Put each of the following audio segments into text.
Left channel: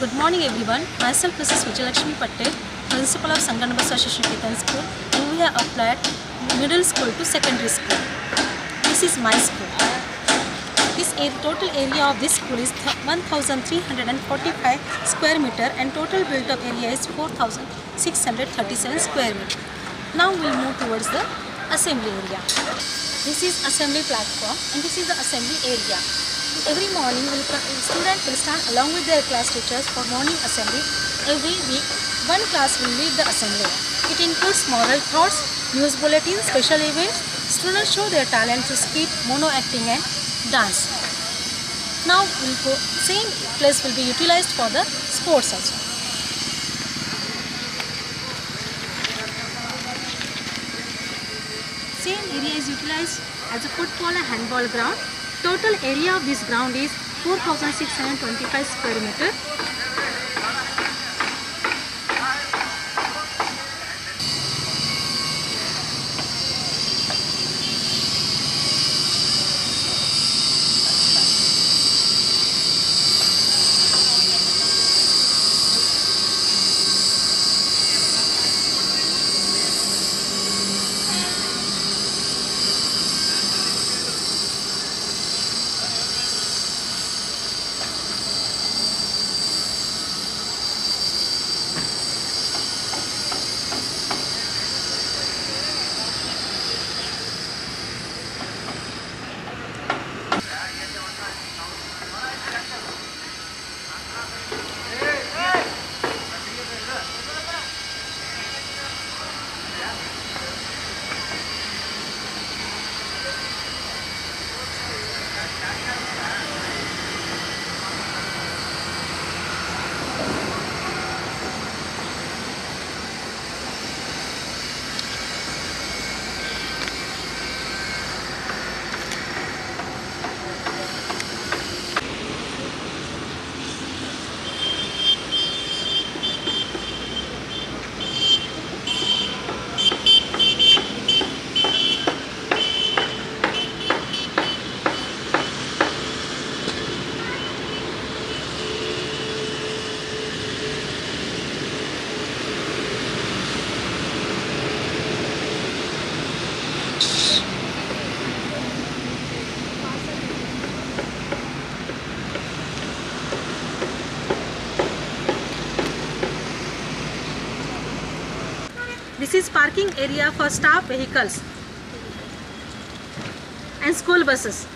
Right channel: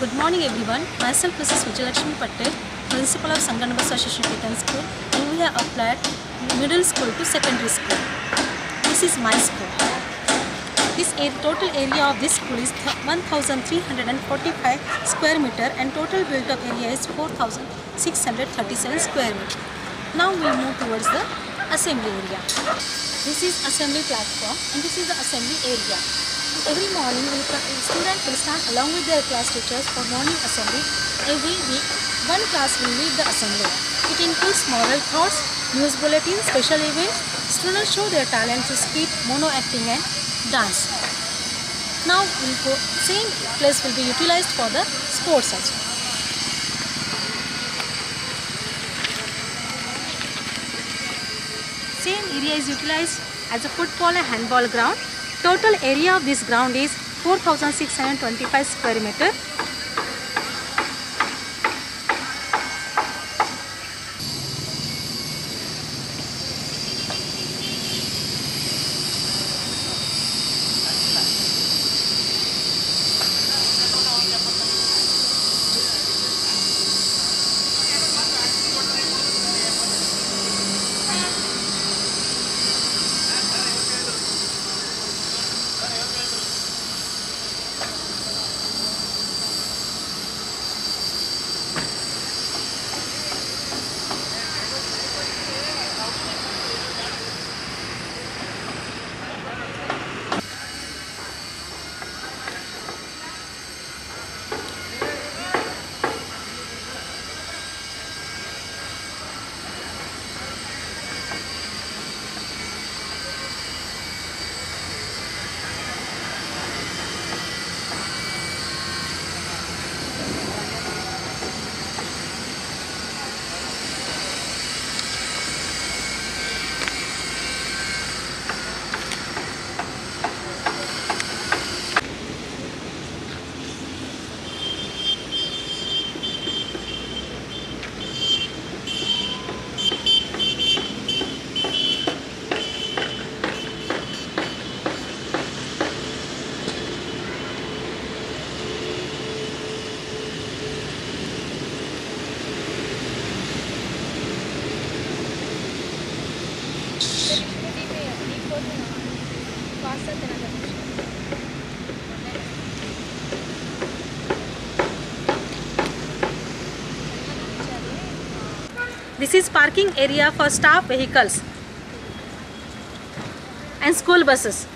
Good morning everyone. Myself Mrs. Vijayalakshmi Patel, Principal of Sanganaba Association Ketan School, and we have applied middle school to secondary school. This is my school. Total area of this school is 1345 square meter and total built up area is 4637 square meter. Now we will move towards the assembly area. This is assembly platform and this is the assembly area. Every morning, students will stand along with their class teachers for morning assembly. Every week, one class will lead the assembly. It includes moral thoughts, news bulletins, special events. Students show their talent to skit, mono acting and dance. Now, same place will be utilized for the sports also. Same area is utilized as a football and handball ground. Total area of this ground is 4625 square meter. This is parking area for staff vehicles and school buses.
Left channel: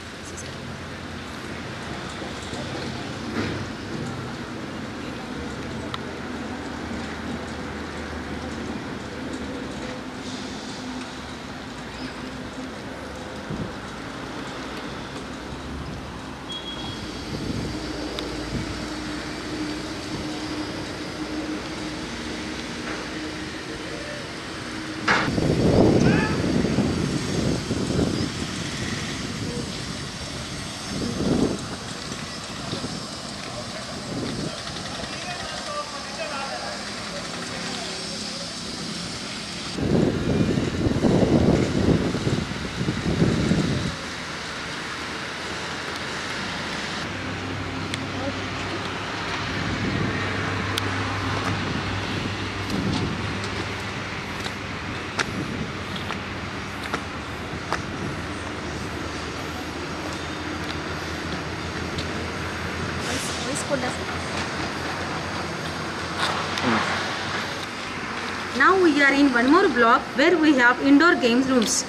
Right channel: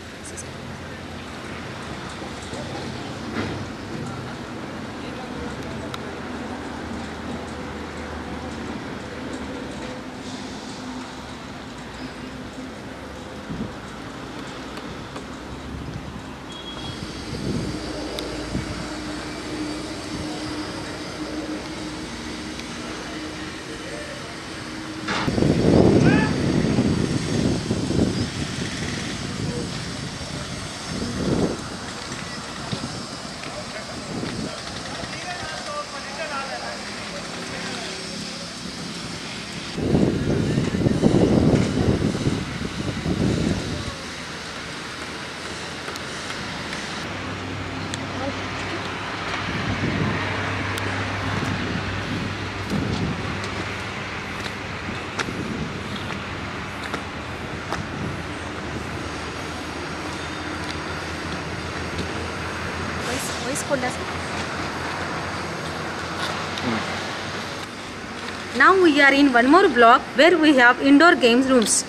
Now we are in one more block where we have indoor games rooms.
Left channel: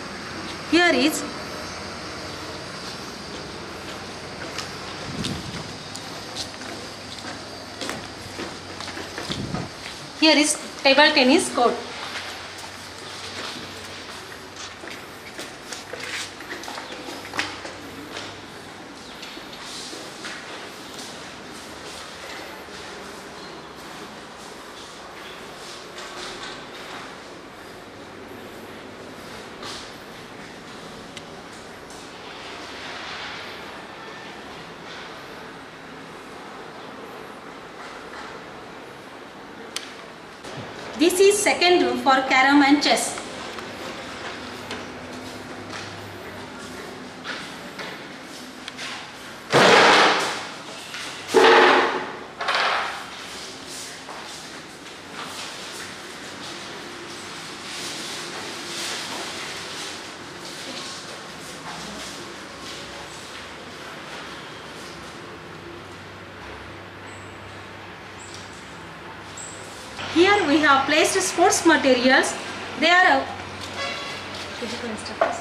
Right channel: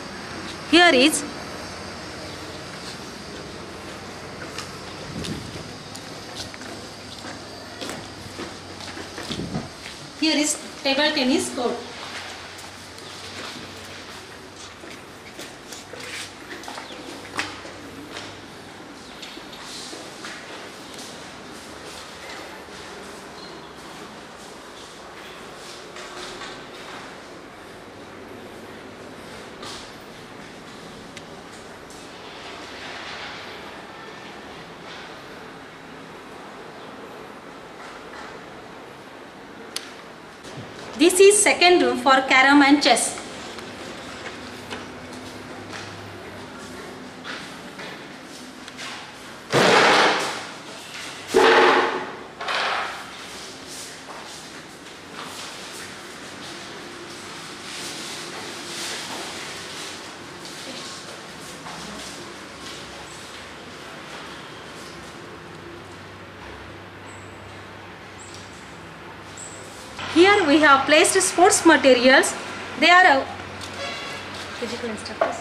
Here is table tennis court. This is second room for carom and chess. Here we have placed sports materials. They are physical instructors.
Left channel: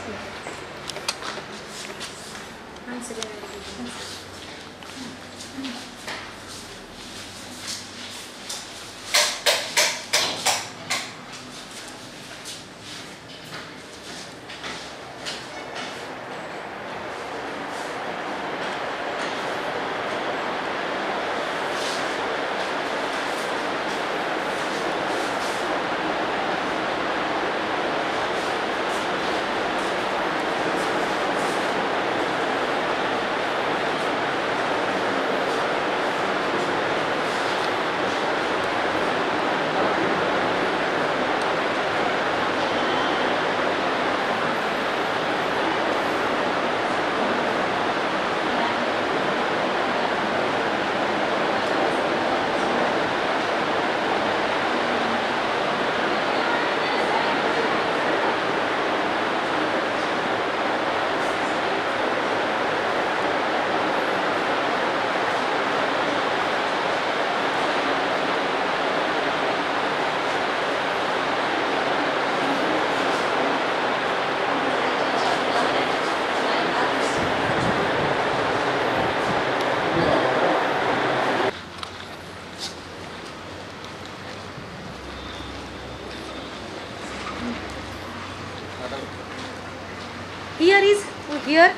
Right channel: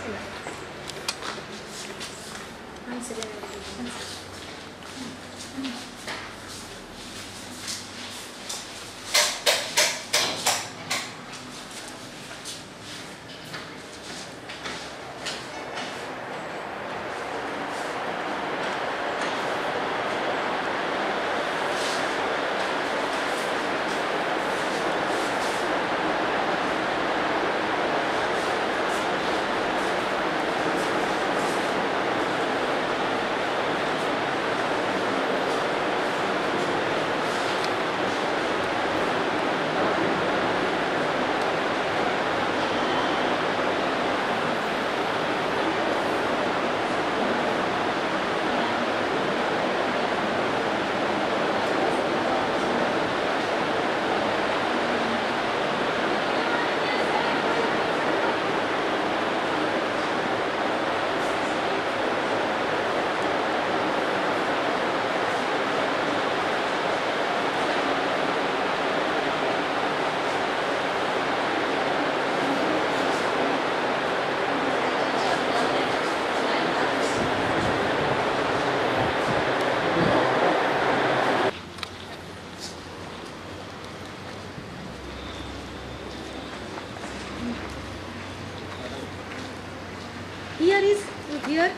Here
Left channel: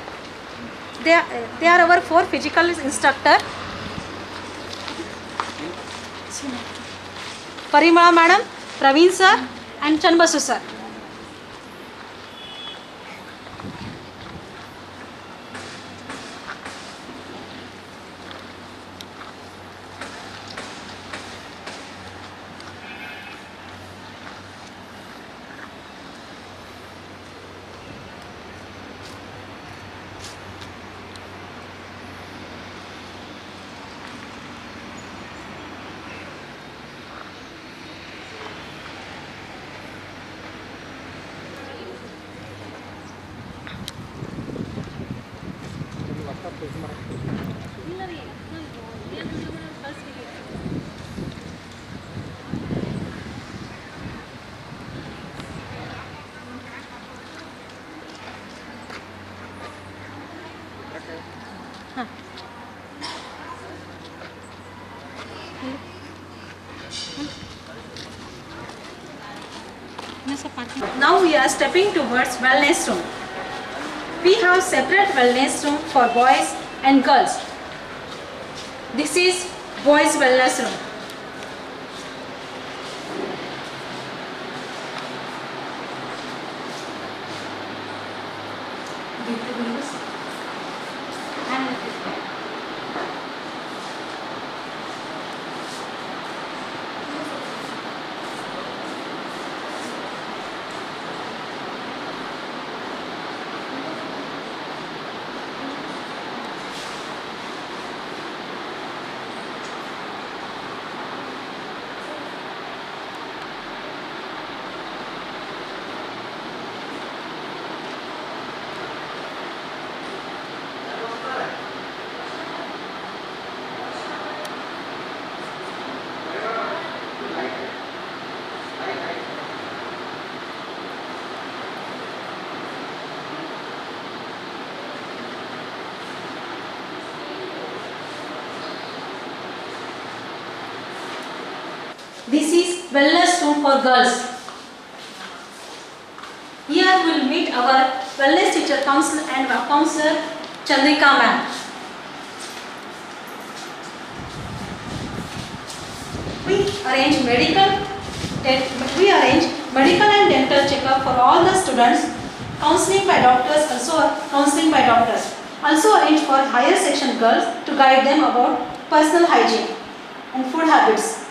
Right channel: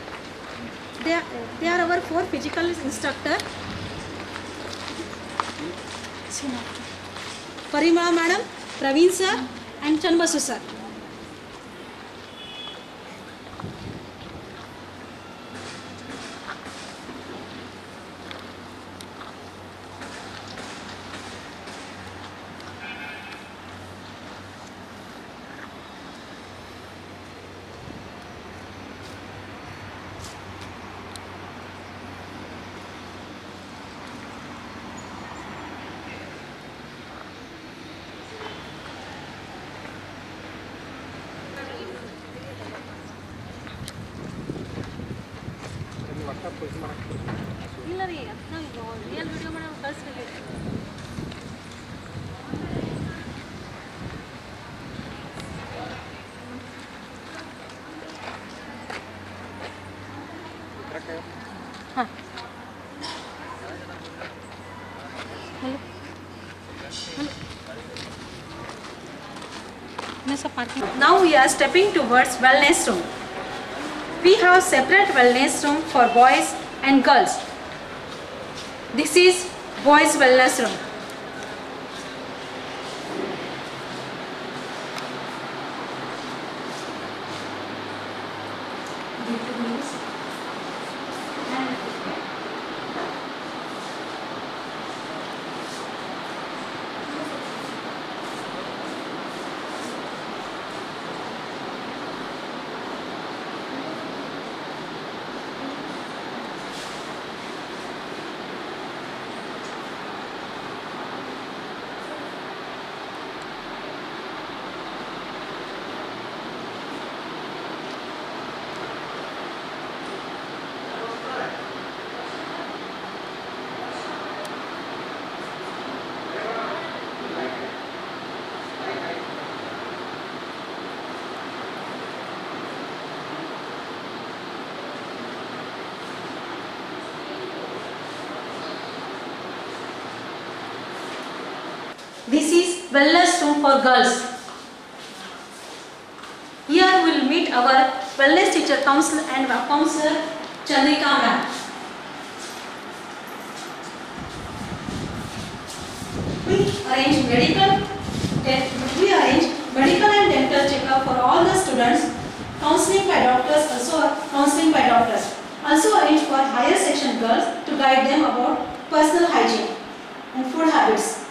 they are our 4 physical instructor. Parimala madam, Praveen sir and Chanbasu sir. Now we are stepping towards wellness room. We have separate wellness room for boys and girls. This is boys wellness room. This is wellness room for girls. Here we will meet our wellness teacher counselor and counselor Chandrika ma'am. We arrange medical and dental checkup for all the students. Counseling by doctors, Also arrange for higher section girls to guide them about personal hygiene and food habits.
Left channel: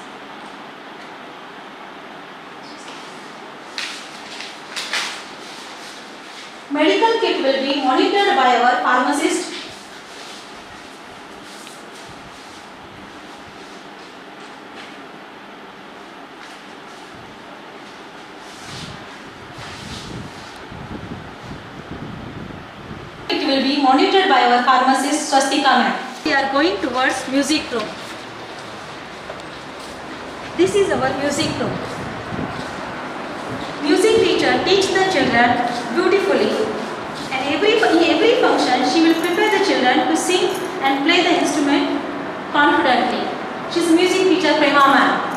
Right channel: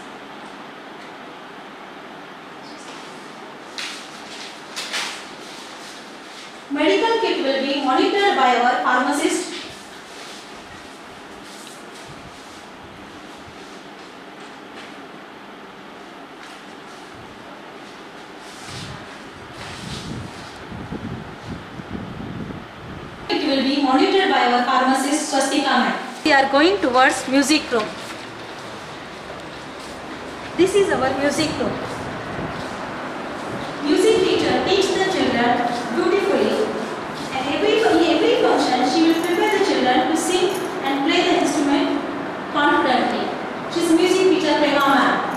Medical kit will be monitored by our pharmacist. It will be monitored by our pharmacist Swastika ma'am. We are going towards music room. This is our music room. Music teacher teaches the children beautifully, and in every function she will prepare the children to sing and play the instrument confidently. She is music teacher Prema ma'am.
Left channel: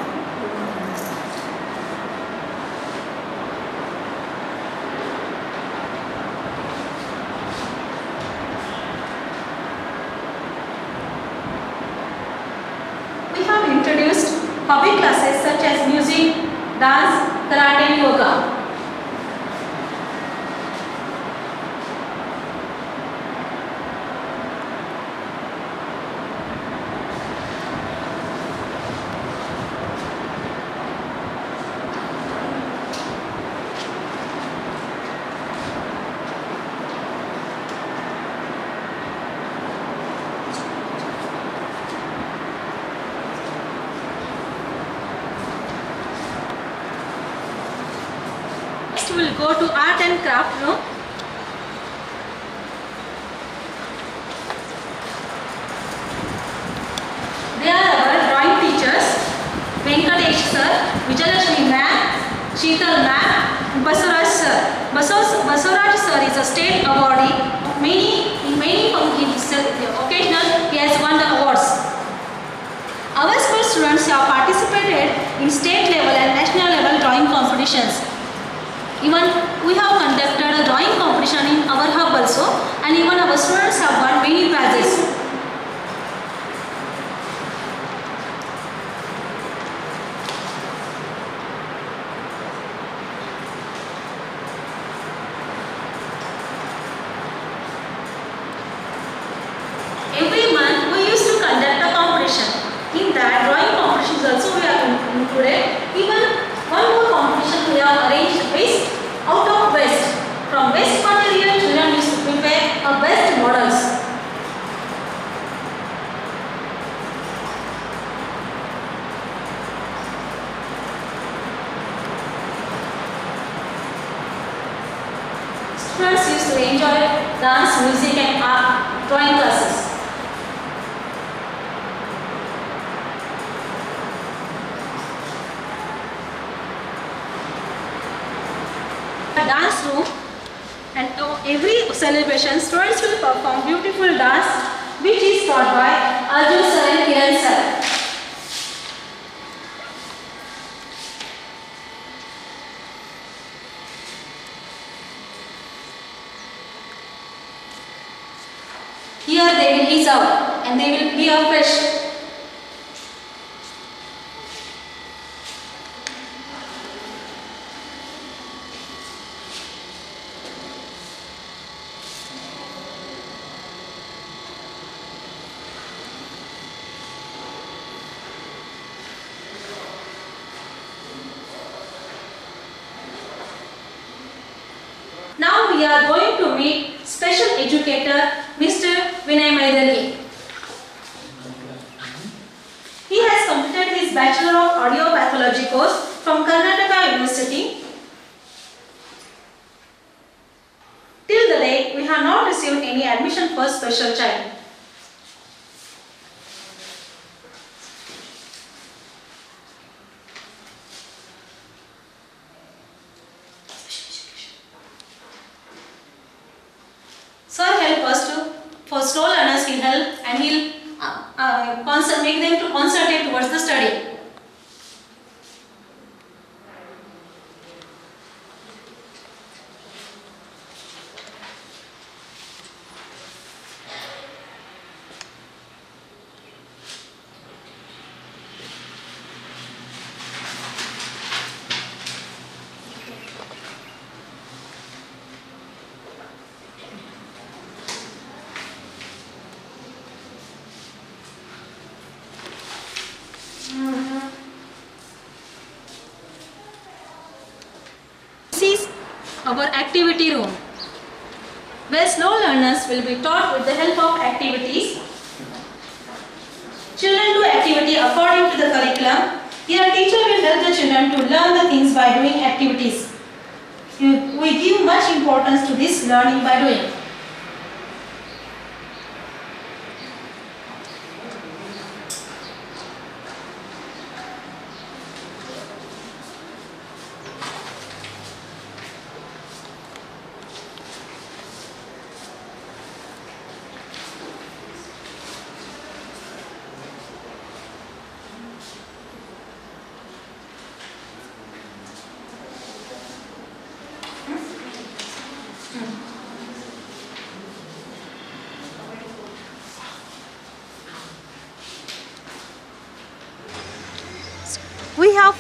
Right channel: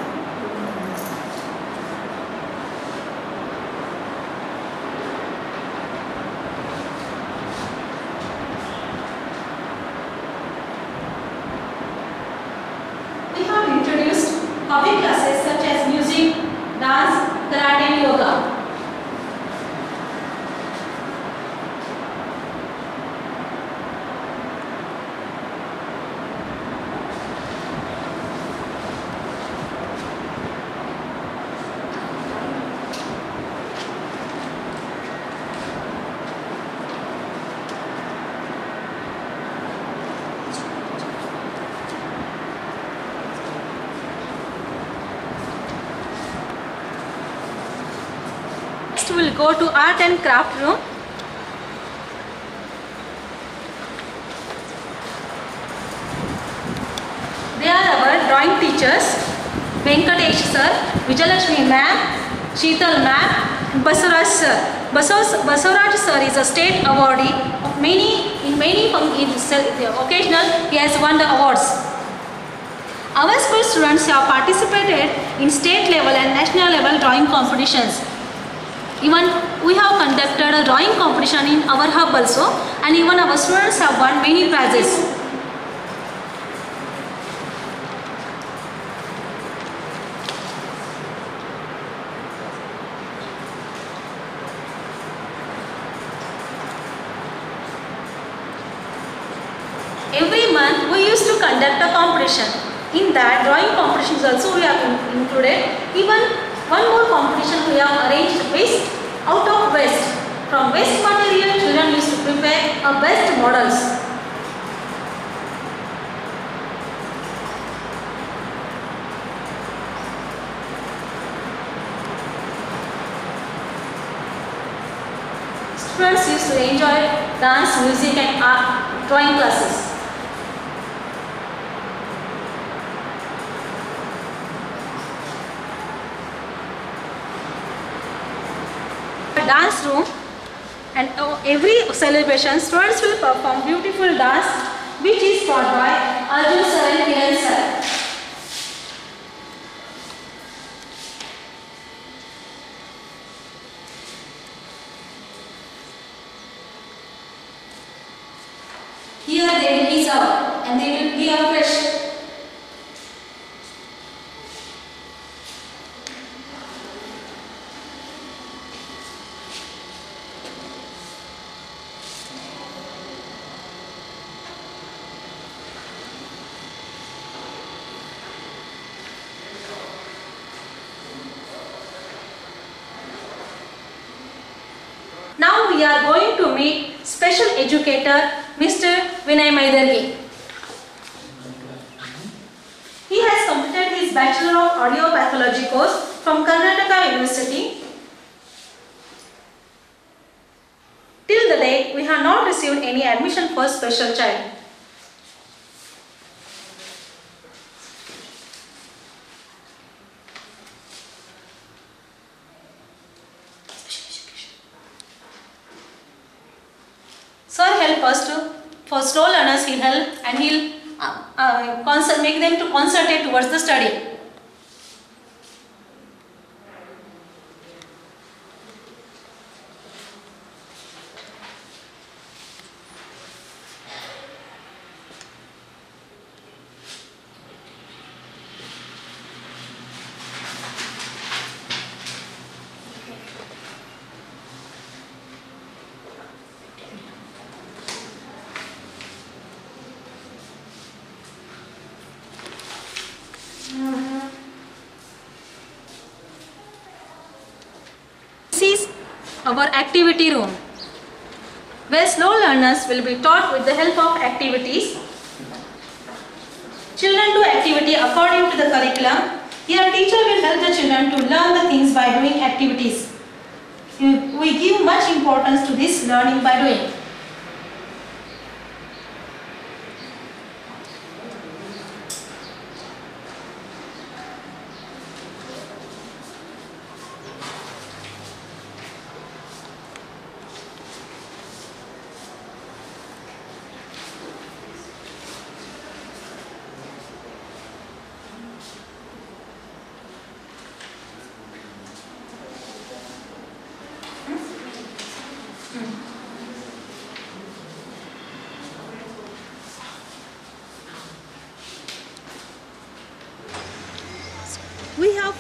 We have introduced hobby classes such as music, dance, karate and yoga. Next we will go to art and craft room. They are our drawing teachers, Venkatesh sir, Vijayalakshmi ma'am, Sheetal ma'am, Basuraj sir. Basuraj sir is a state awardee of many occasional he has won the awards. Our school students have participated in state level and national level drawing competitions. Even we have conducted a drawing competition in our hub also, and even our students have won many prizes. Every month we used to conduct a competition. In that drawing competitions also we are included. Even one more competition we have arranged based out of waste. From waste material children used to prepare a best models. Students used to enjoy dance, music and art drawing classes. Dance room, and every celebration students will perform beautiful dance which is taught by Arjun sir and Kiran sir. Here they will ease out and they will be fresh. Now we are going to meet special educator Mr. Vinay Maidari. He has completed his Bachelor of Audio Pathology course from Karnataka University. Till the date, we have not received any admission for special child. Sir help us to, for slow learners he'll help and he'll make them to concentrate towards the study. This is our activity room, where slow learners will be taught with the help of activities. Children do activity according to the curriculum. Here teacher will help the children to learn the things by doing activities. We give much importance to this learning by doing.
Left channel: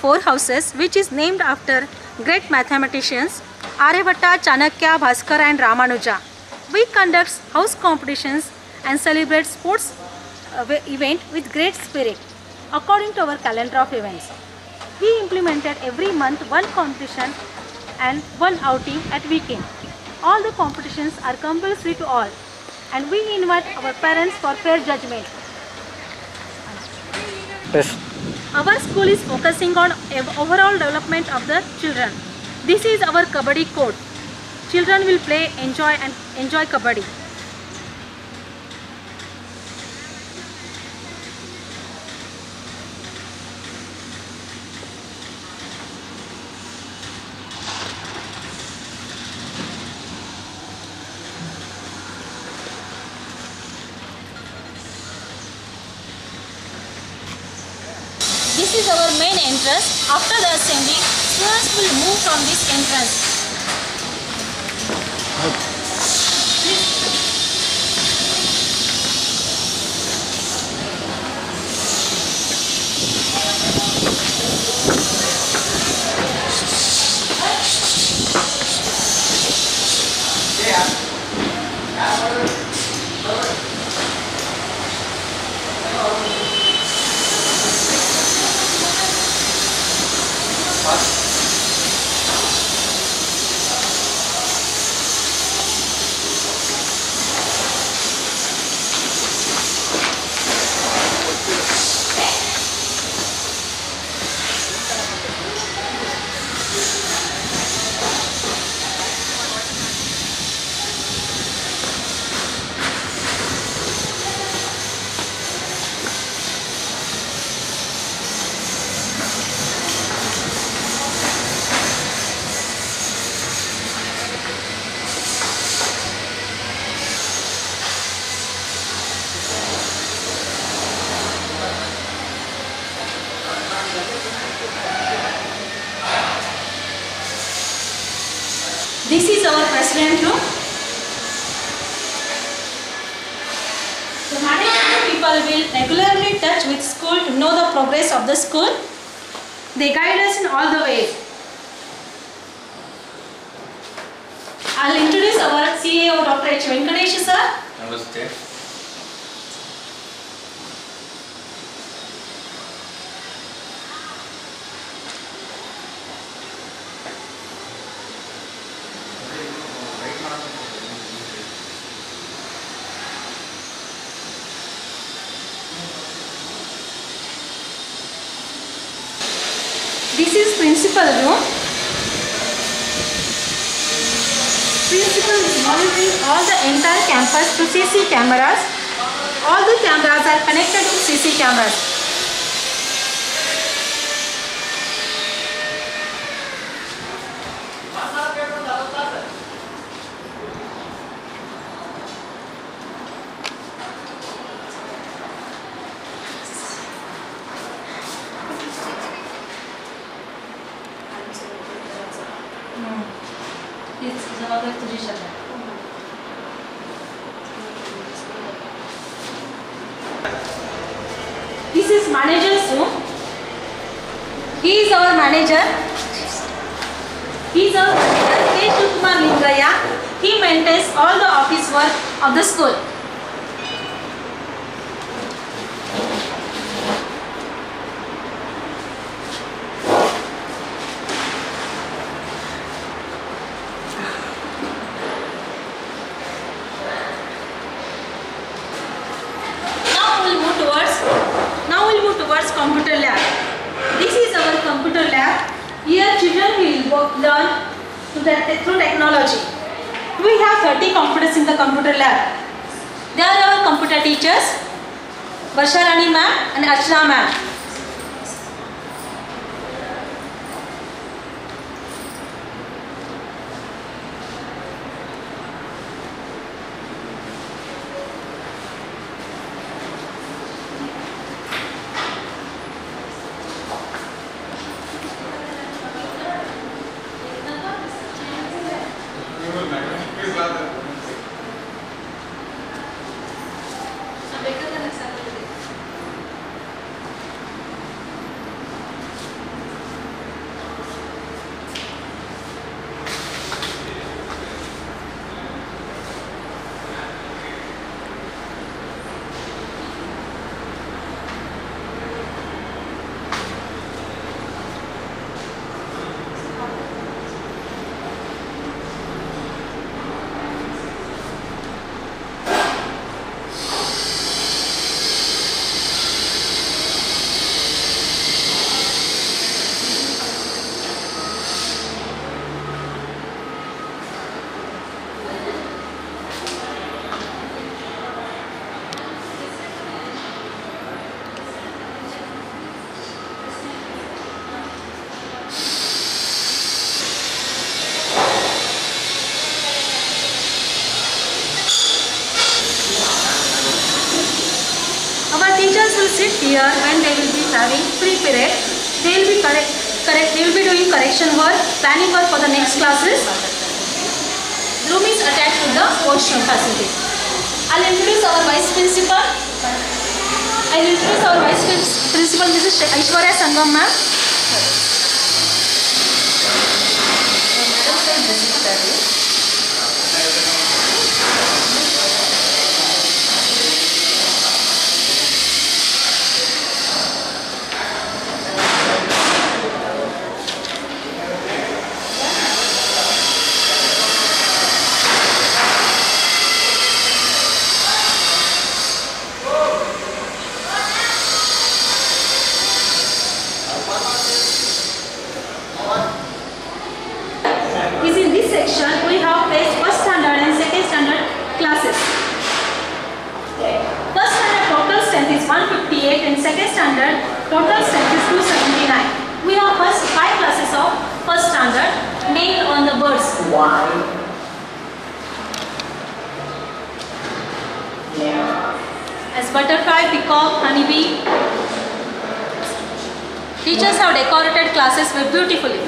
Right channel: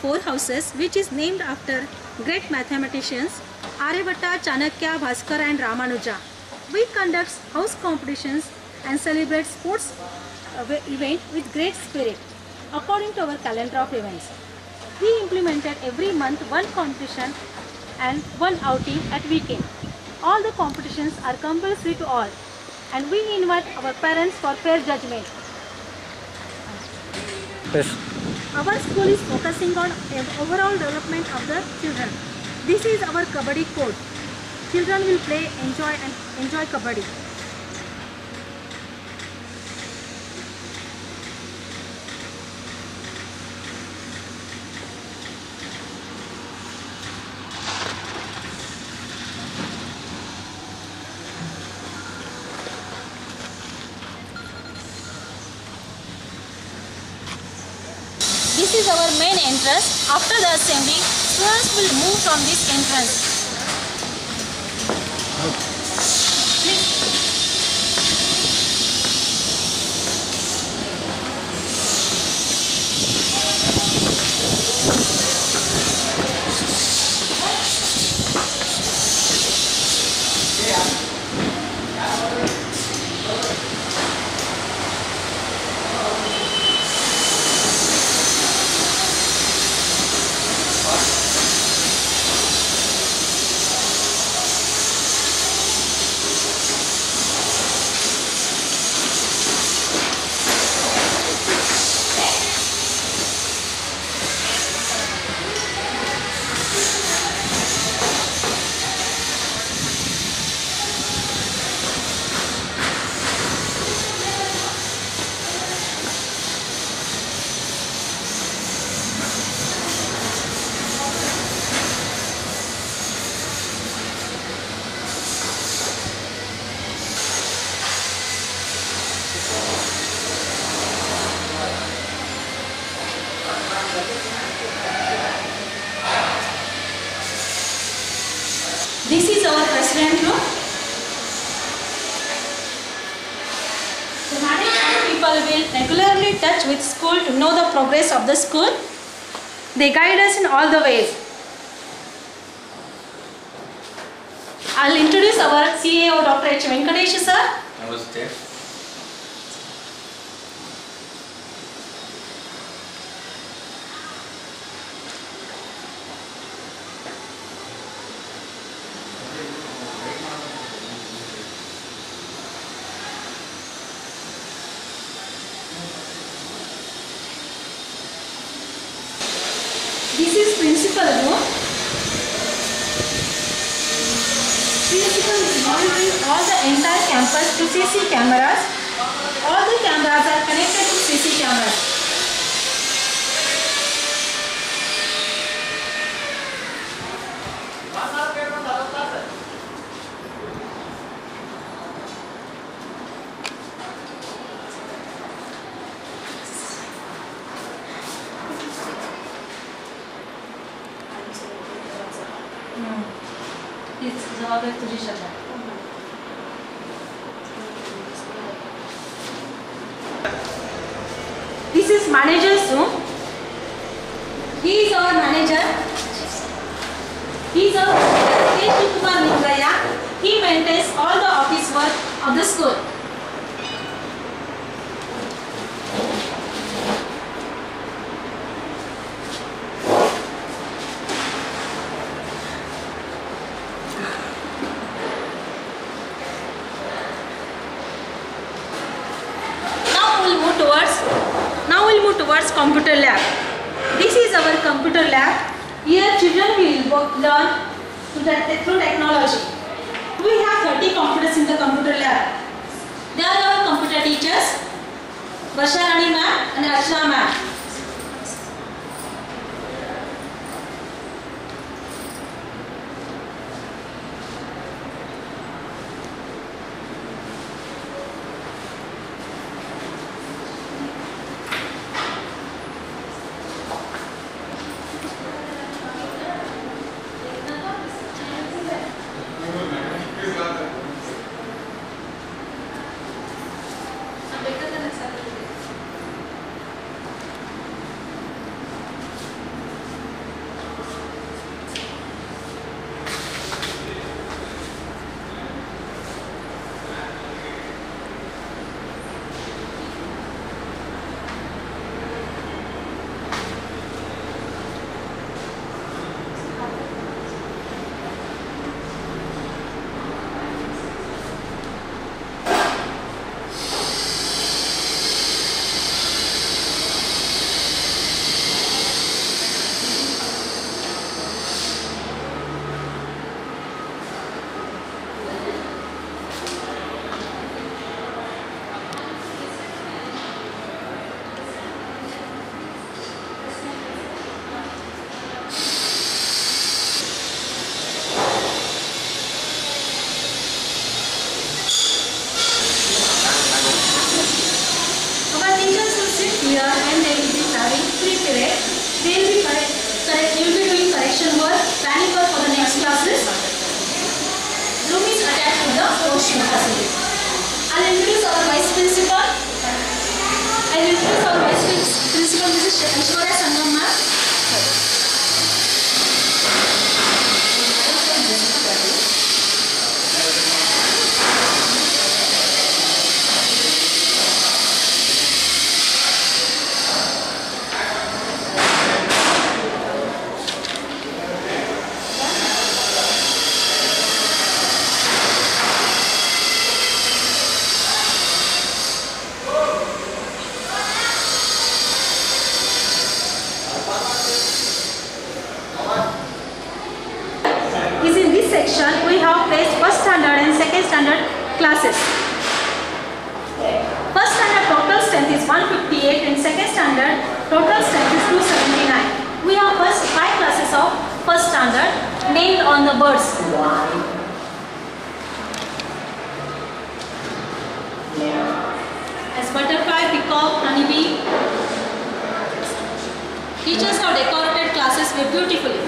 four houses which is named after great mathematicians Aryabhatta, Chanakya, Bhaskar and Ramanuja. We conduct house competitions and celebrate sports event with great spirit according to our calendar of events. We implemented every month one competition and one outing at weekend. All the competitions are compulsory to all and we invite our parents for fair judgment. Yes. Our school is focusing on overall development of the children. This is our Kabaddi code. Children will play, enjoy Kabaddi. This is our main entrance. After the assembly, students will move from this entrance. This is our president room. The management people will regularly touch with school to know the progress of the school. They guide us in all the ways. I'll introduce our CEO Dr. H. Venkatesh sir. Namaste. This is principal room. Principal is monitoring all the entire campus to CC cameras. All the cameras are connected to CC cameras. This is manager's room. He is our manager. He is our manager, K. Shivkumar Lingaya. He maintains all the office work of the school. Now we'll move towards computer lab. This is our computer lab. Here children will learn through technology. We have 30 computers in the computer lab. They are our computer teachers, Varsharani ma'am and Archana ma'am. here and they will be having free period. They will be they will be doing correction work, planning work for the next classes. Room is attached to the washroom facility. I'll introduce our Vice Principal. This is Aishwarya Sangam ma'am. We have placed first standard and second standard classes. First standard total strength is 158 and second standard total strength is 279. We have first 5 classes of first standard named on the birds. As butterfly, peacock, honeybee. Teachers have decorated classes very beautifully.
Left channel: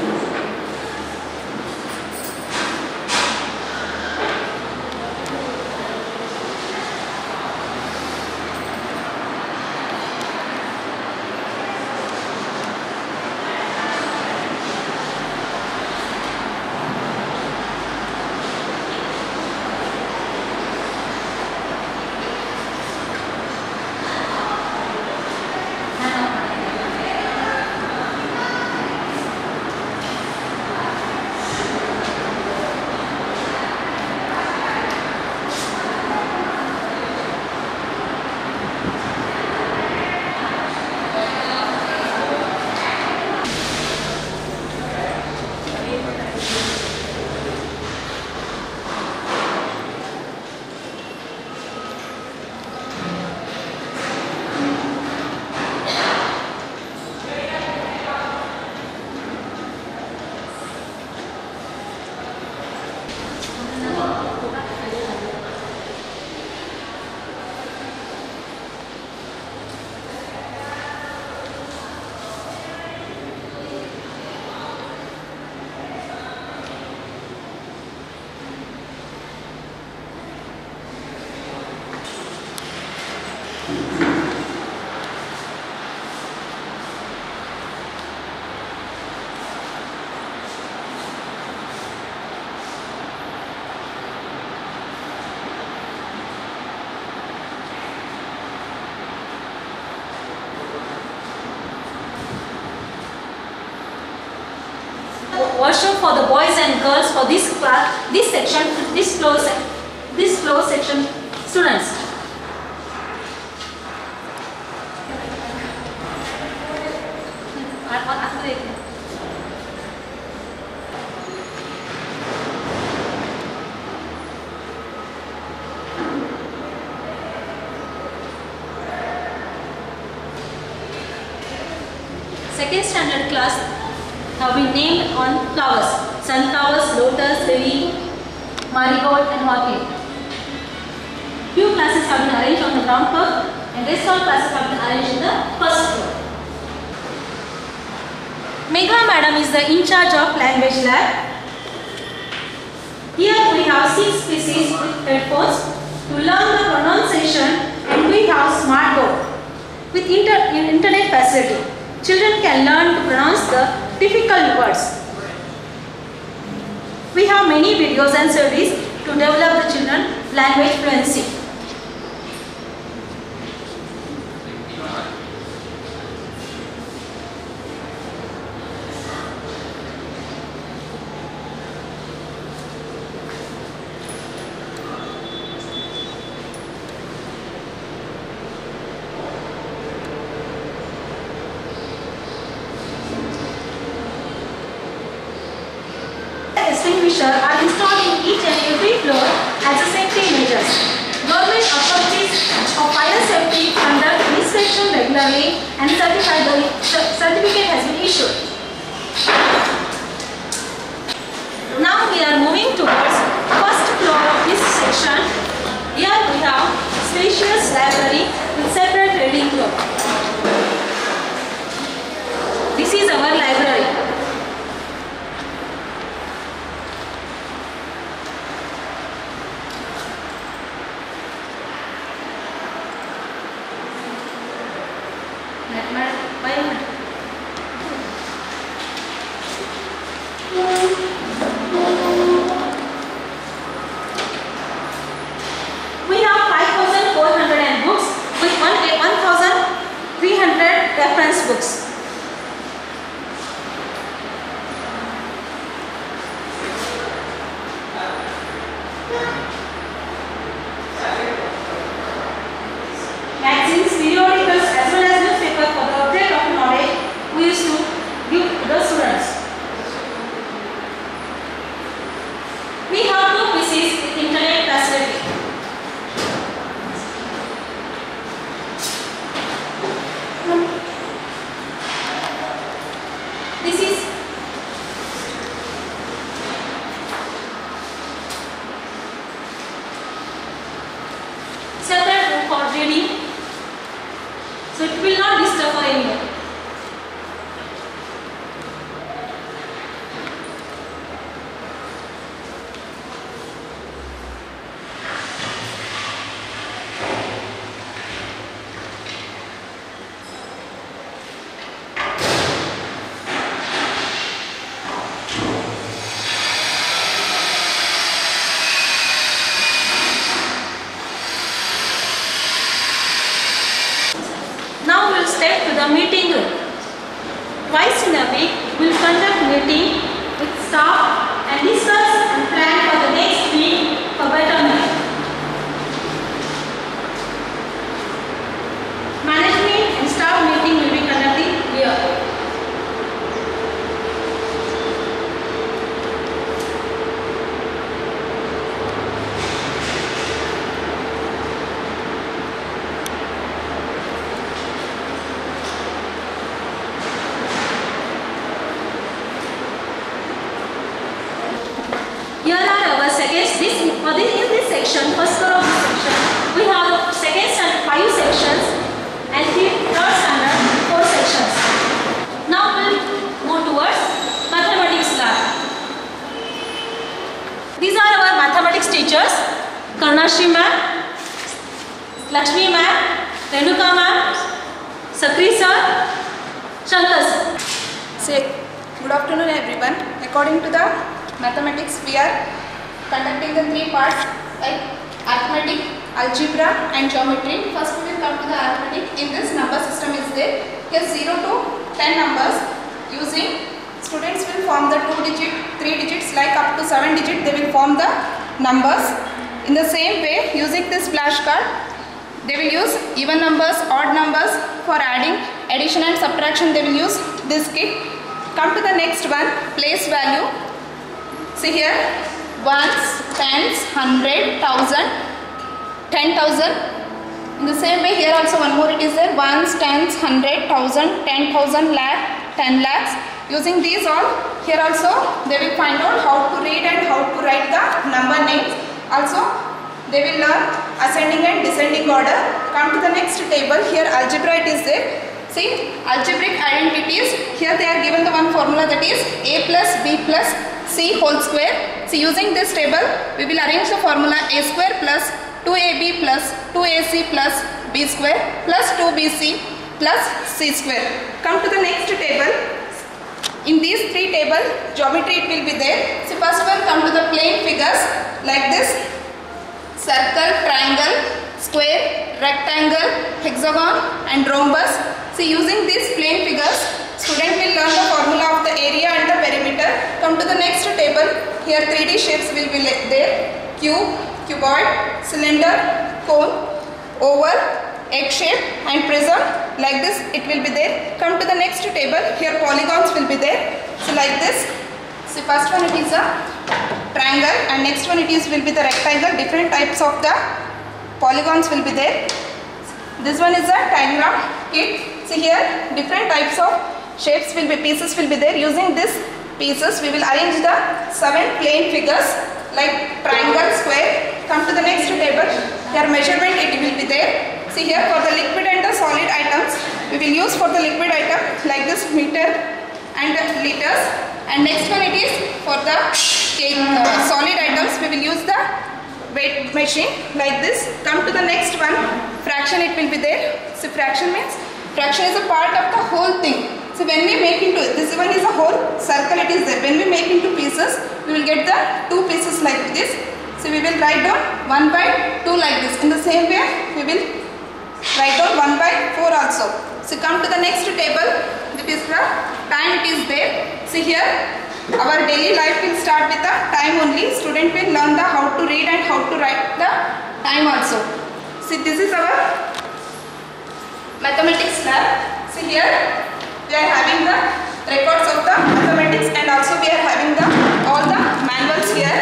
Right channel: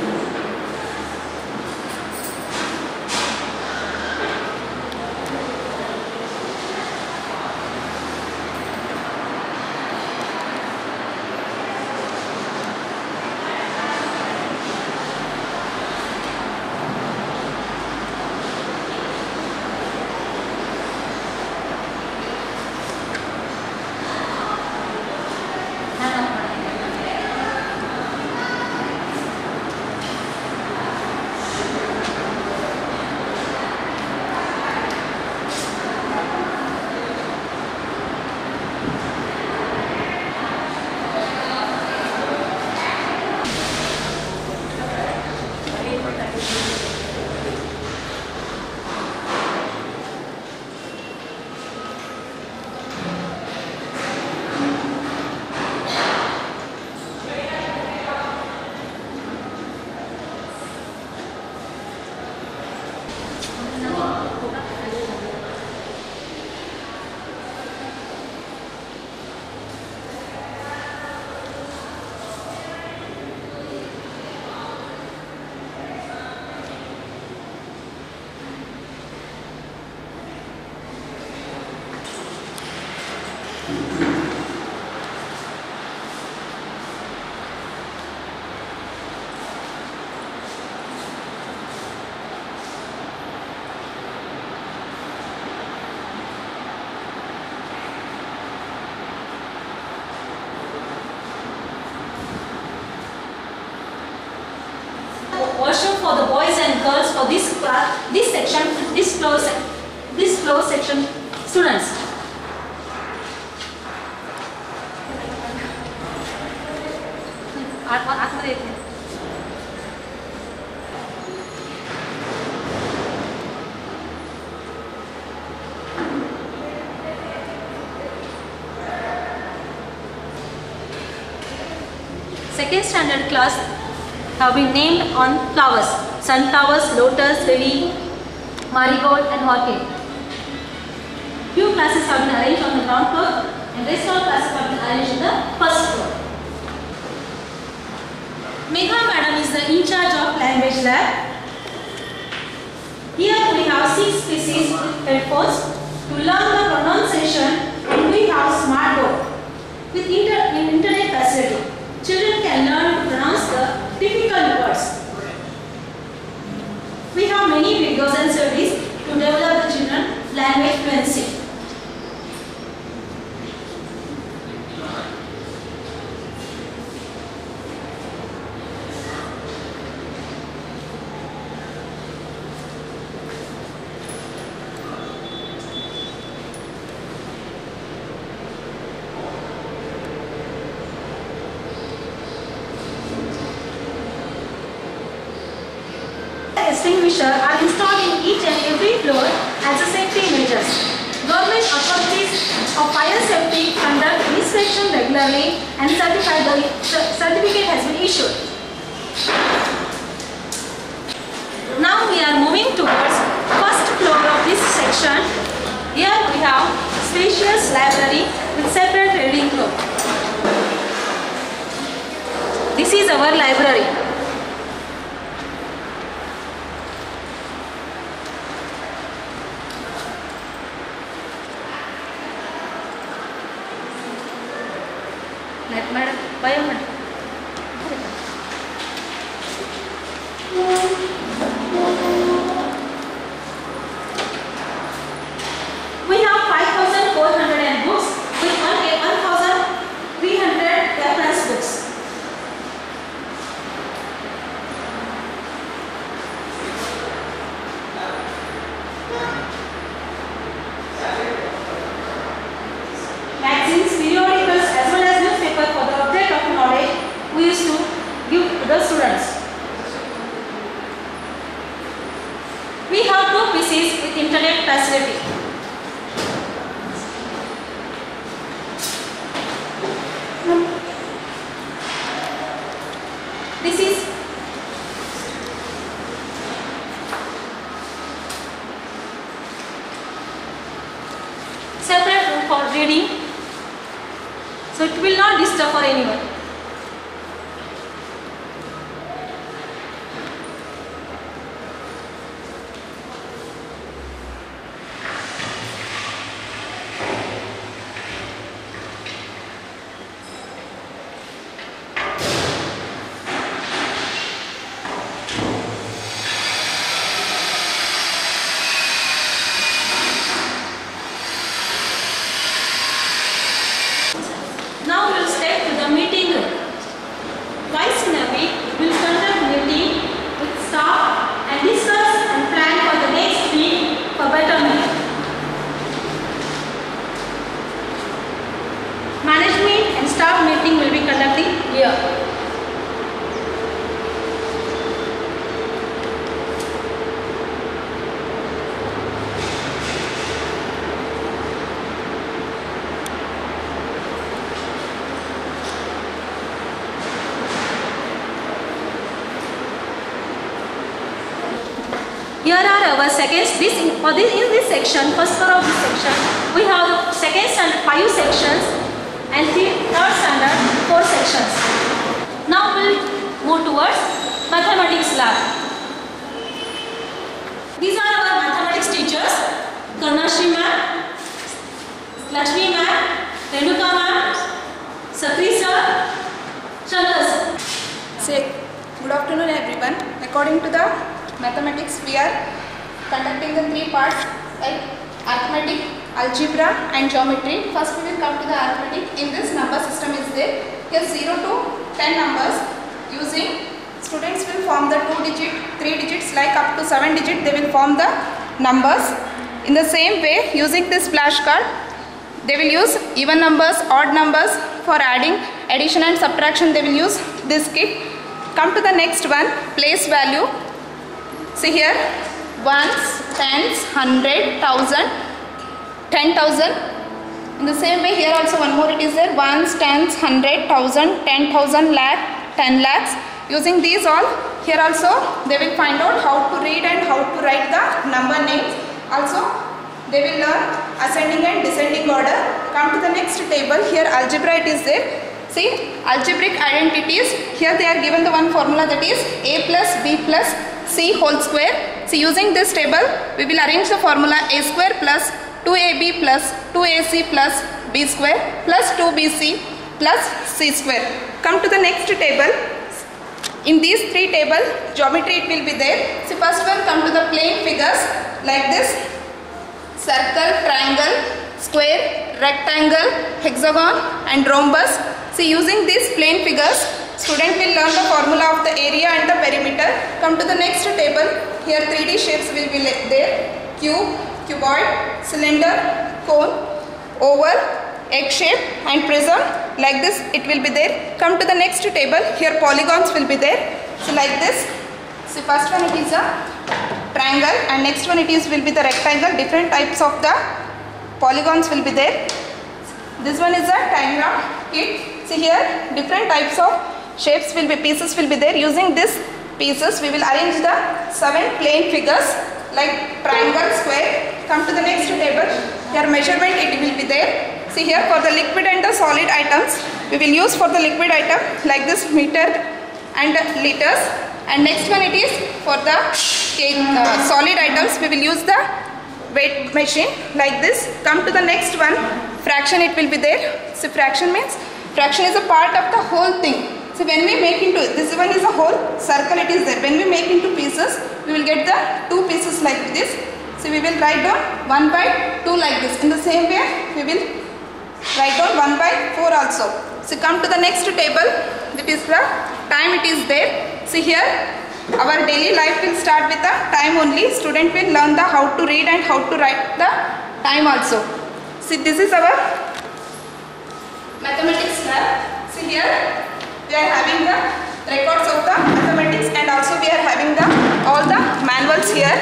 Washroom for the boys and girls for this class, this floor section students. Second standard class have been named on flowers: sunflowers, lotus, lily, marigold and orchid. Few classes have been arranged on the ground floor and rest all classes have been arranged in the first floor. Megha madam is the in charge of language lab. Here we have 6 species with headphones to learn the pronunciation, and we have smart board with internet facility. Children can learn to pronounce the difficult words. We have many videos and surveys to develop the children language fluency. Extinguisher are installed in each and every floor as a safety measures. Government authorities of fire safety conduct inspection regularly and certificate has been issued. Now we are moving towards first floor of this section. Here we have spacious library with separate reading room. This is our library. We have 5,400 books with 1,300 reference books. Magazines, periodicals as well as newspapers for the object of knowledge we used to give to the students. We have 2 PCs with internet facility. This is separate room for reading, so it will not disturb for anyone. Now we will step to the meeting room. Twice in a week, we will conduct meeting with staff and discuss and plan for the next week for betterment. Management and staff meeting will be conducted here. Here are our seconds. In this section, first floor of this section, we have second standard 5 sections and third standard 4 sections. Now we will move towards mathematics lab. These are our mathematics teachers: Karnashri ma'am, Lakshmi ma'am, Renuka ma'am, Sakri sir, Shankar sir. Say, good afternoon everyone. According to the mathematics, we are conducting the 3 parts like arithmetic, algebra and geometry. First we will come to the arithmetic. In this, number system is there. Here 0 to 10 numbers. Using, students will form the 2 digit, 3 digits, like up to 7 digit they will form the numbers. In the same way, using this flashcard, they will use even numbers, odd numbers. For adding, addition and subtraction, they will use this kit. Come to the next one, place value. See here, ones, tens, 100, 1000, 10,000. In the same way, here also one more it is there, ones, tens, 100, 1000, 10,000, lakh, 10 lakhs. Using these all, here also they will find out how to read and how to write the number names. Also, they will learn ascending and descending order. Come to the next table, here algebra it is there. See, algebraic identities, here they are given the one formula, that is a plus b plus c whole square. See, using this table, we will arrange the formula a square plus 2ab plus 2ac plus b square plus 2bc plus c square. Come to the next table. In these 3 tables, geometry it will be there. See, first one, come to the plane figures like this: circle, triangle, square, rectangle, hexagon and rhombus. See, using these plane figures, student will learn the formula of the area and the perimeter. Come to the next table. Here 3D shapes will be there: cube, cuboid, cylinder, cone, oval, egg shape and prism. Like this it will be there. Come to the next table. Here polygons will be there. So like this. See, first one it is a triangle and next one it is will be the rectangle. Different types of the polygons will be there. This one is a diagram kit. See, here different types of shapes will be, pieces will be there. Using this pieces, we will arrange the 7 plane figures like triangle, square. Come to the next table. Here measurement it will be there. See, here for the liquid and the solid items, we will use for the liquid item like this meter and liters, and next one it is for the solid items we will use the weight machine like this. Come to the next one, fraction it will be there. So fraction means, fraction is a part of the whole thing. So when we make into, this one is a whole circle it is there. When we make into pieces, we will get the 2 pieces like this. So we will write down 1/2 like this. In the same way, we will write down 1/4 also. So come to the next table, that is the time it is there. See here, our daily life will start with the time only. Student will learn the how to read and how to write the time also. See, this is our mathematics lab. See here, we are having the records of the mathematics, and also we are having the all the manuals here.